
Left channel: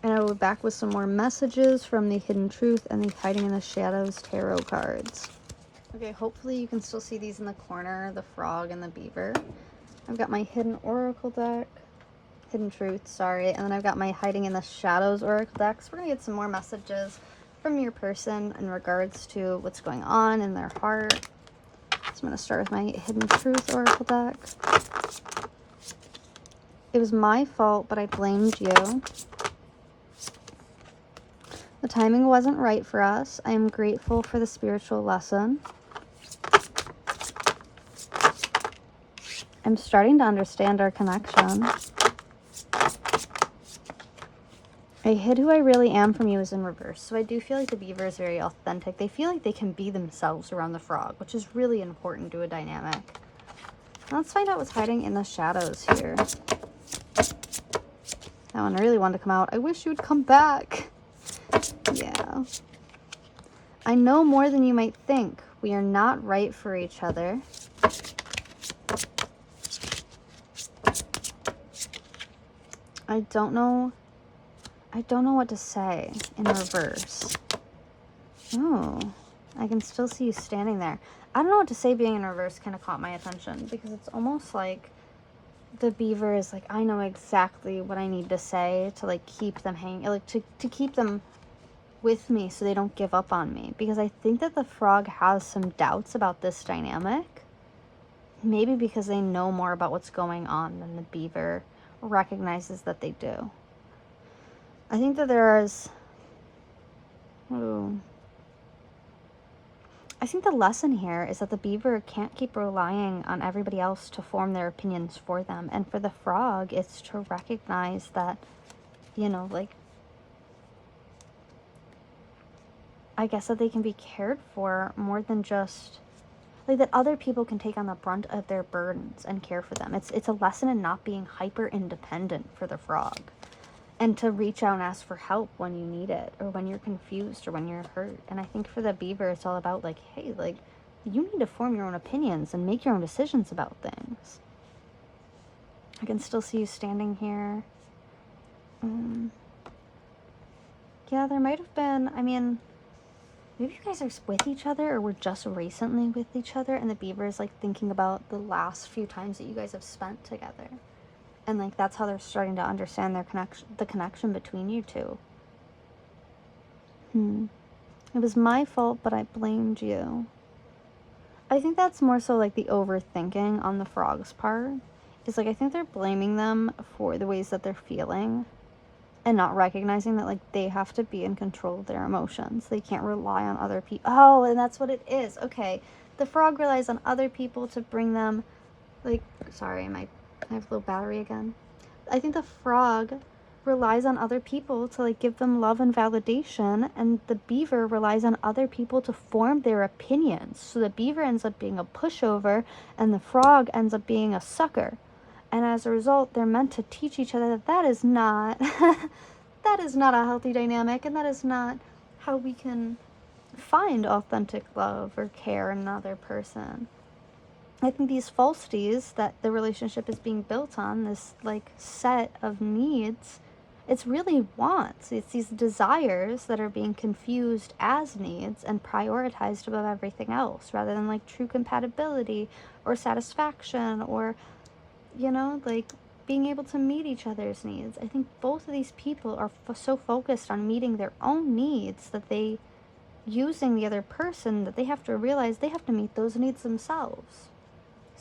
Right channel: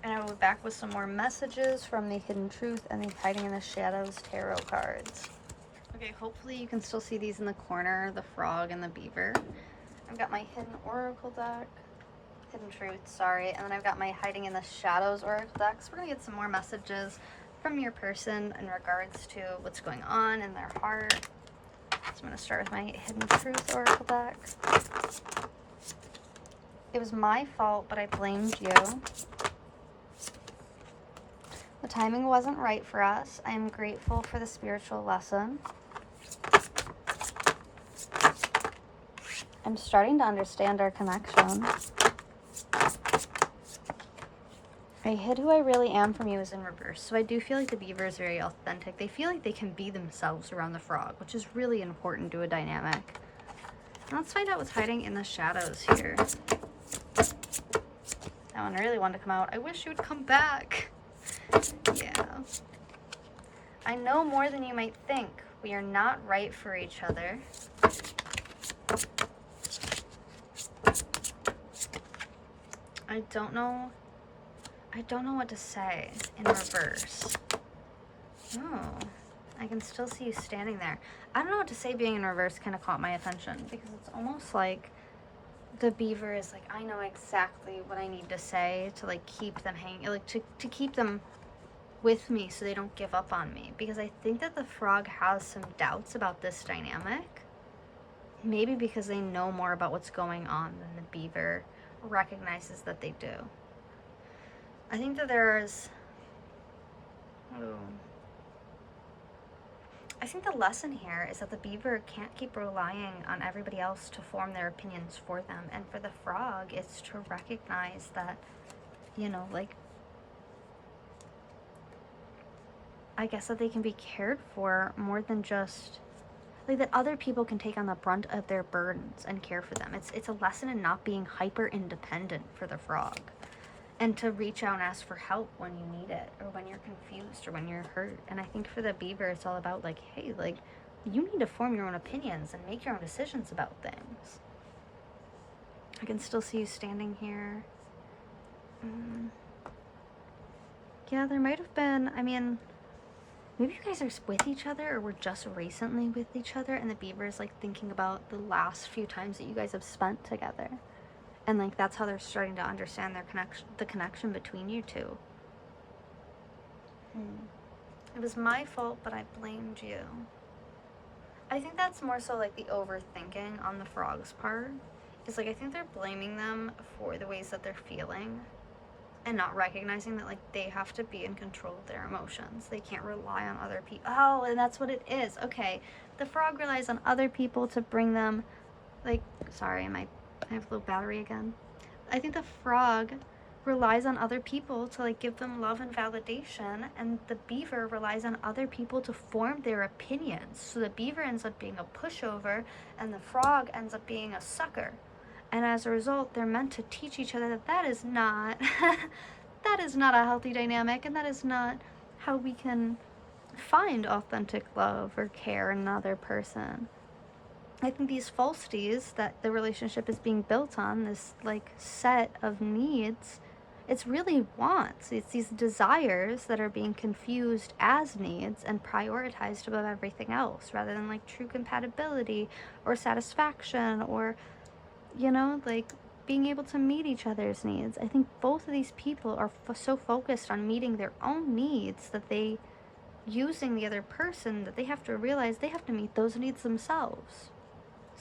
and I'll be back with some more messages from the Hidden Truth and the Hiding in the Shadows tarot cards. Okay, hopefully you can still see these in the corner, the frog and the beaver. I've got my Hidden Oracle deck, Hidden Truth, sorry, and then I've got my Hiding in the Shadows Oracle deck. So we're gonna get some more messages from your person in regards to what's going on in their heart. So I'm gonna start with my Hidden Truth Oracle deck. It was my fault, but I blamed you. The timing wasn't right for us. I am grateful for the spiritual lesson. I'm starting to understand our connection. I hid who I really am from you is in reverse. So I do feel like the beaver is very authentic. They feel like they can be themselves around the frog, which is really important to a dynamic. Now let's find out what's hiding in the shadows here. That one really wanted to come out. I wish you would come back. Yeah. I know more than you might think. We are not right for each other. I don't know what to say in reverse. Oh, I can still see you standing there. I don't know what to say being in reverse kind of caught my attention because it's almost like the beaver is like, I know exactly what I need to say to like keep them hanging, like to keep them with me so they don't give up on me. Because I think that the frog has some doubts about this dynamic. Maybe because they know more about what's going on than the beaver recognizes that they do. I think that I think the lesson here is that the beaver can't keep relying on everybody else to form their opinions for them. And for the frog, it's to recognize that, you know, like, I guess that they can be cared for more than just like that other people can take on the brunt of their burdens and care for them. It's a lesson in not being hyper independent for the frog, and to reach out and ask for help when you need it, or when you're confused, or when you're hurt. And I think for the beaver, it's all about like, hey, like, you need to form your own opinions and make your own decisions about things. I can still see you standing here. Yeah, there might have been, I mean, maybe you guys are with each other, or were just recently with each other, and the beaver is like thinking about the last few times that you guys have spent together. And like that's how they're starting to understand their connection, the connection between you two. It was my fault, but I blamed you. I think that's more so like the overthinking on the frog's part. Is like, I think they're blaming them for the ways that they're feeling, and not recognizing that like they have to be in control of their emotions. They can't rely on other people. Oh, and that's what it is. Okay. The frog relies on other people to bring them, like, sorry, I have low battery again. I think the frog relies on other people to like give them love and validation, and the beaver relies on other people to form their opinions. So the beaver ends up being a pushover, and the frog ends up being a sucker. And as a result, they're meant to teach each other that that is not that is not a healthy dynamic, and that is not how we can find authentic love or care in another person. I think these falsities that the relationship is being built on, this like set of needs, it's really wants. It's these desires that are being confused as needs and prioritized above everything else, rather than like true compatibility or satisfaction, or, you know, like being able to meet each other's needs. I think both of these people are so focused on meeting their own needs that they, using the other person, that they have to realize they have to meet those needs themselves.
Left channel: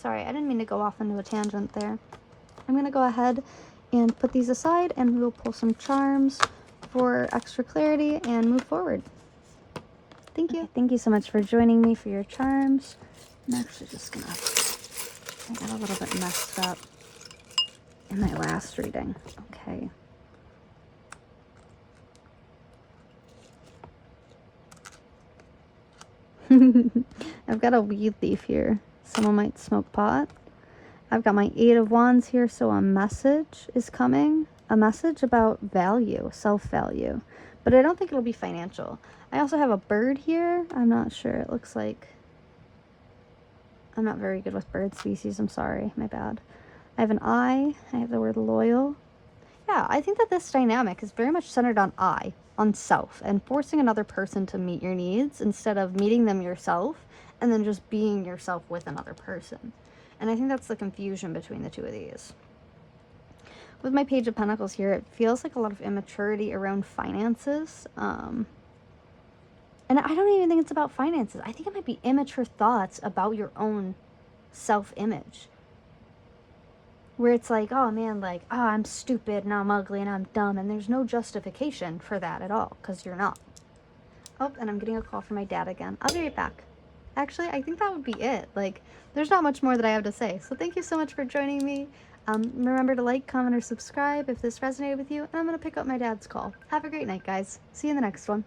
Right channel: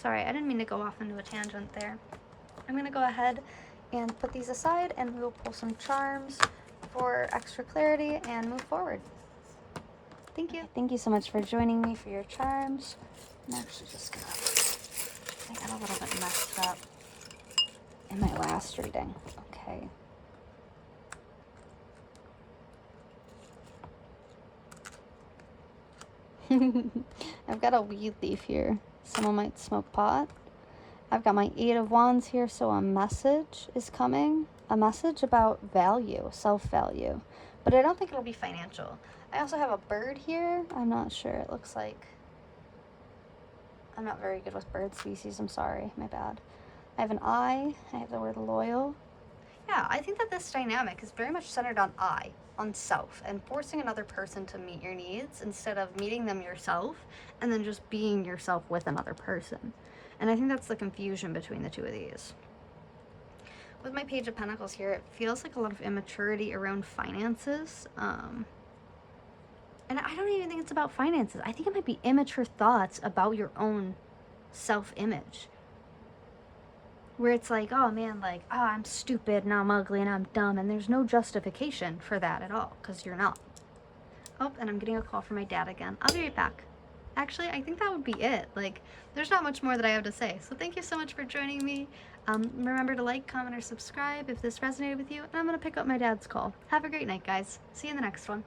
Sorry, I didn't mean to go off into a tangent there. I'm going to go ahead and put these aside, and we'll pull some charms for extra clarity and move forward. Thank you. Okay, thank you so much for joining me for your charms. I'm actually just going to, I got a little bit messed up in my last reading. Okay. I've got a weed leaf here. Someone might smoke pot. I've got my 8 of Wands here, so a message is coming. A message about value, self-value. But I don't think it'll be financial. I also have a bird here. I'm not sure. It looks like... I'm not very good with bird species. I'm sorry. My bad. I have an I. I have the word loyal. Yeah, I think that this dynamic is very much centered on I, on self, and forcing another person to meet your needs instead of meeting them yourself and then just being yourself with another person. And I think that's the confusion between the two of these. With my Page of Pentacles here, it feels like a lot of immaturity around finances. And I don't even think it's about finances. I think it might be immature thoughts about your own self-image. Where it's like, oh man, like, oh, I'm stupid and I'm ugly and I'm dumb, and there's no justification for that at all, because you're not. Oh, and I'm getting a call from my dad again. I'll be right back. Actually, I think that would be it. Like, there's not much more that I have to say. So thank you so much for joining me. Remember to like, comment, or subscribe if this resonated with you, and I'm going to pick up my dad's call. Have a great night, guys. See you in the next one.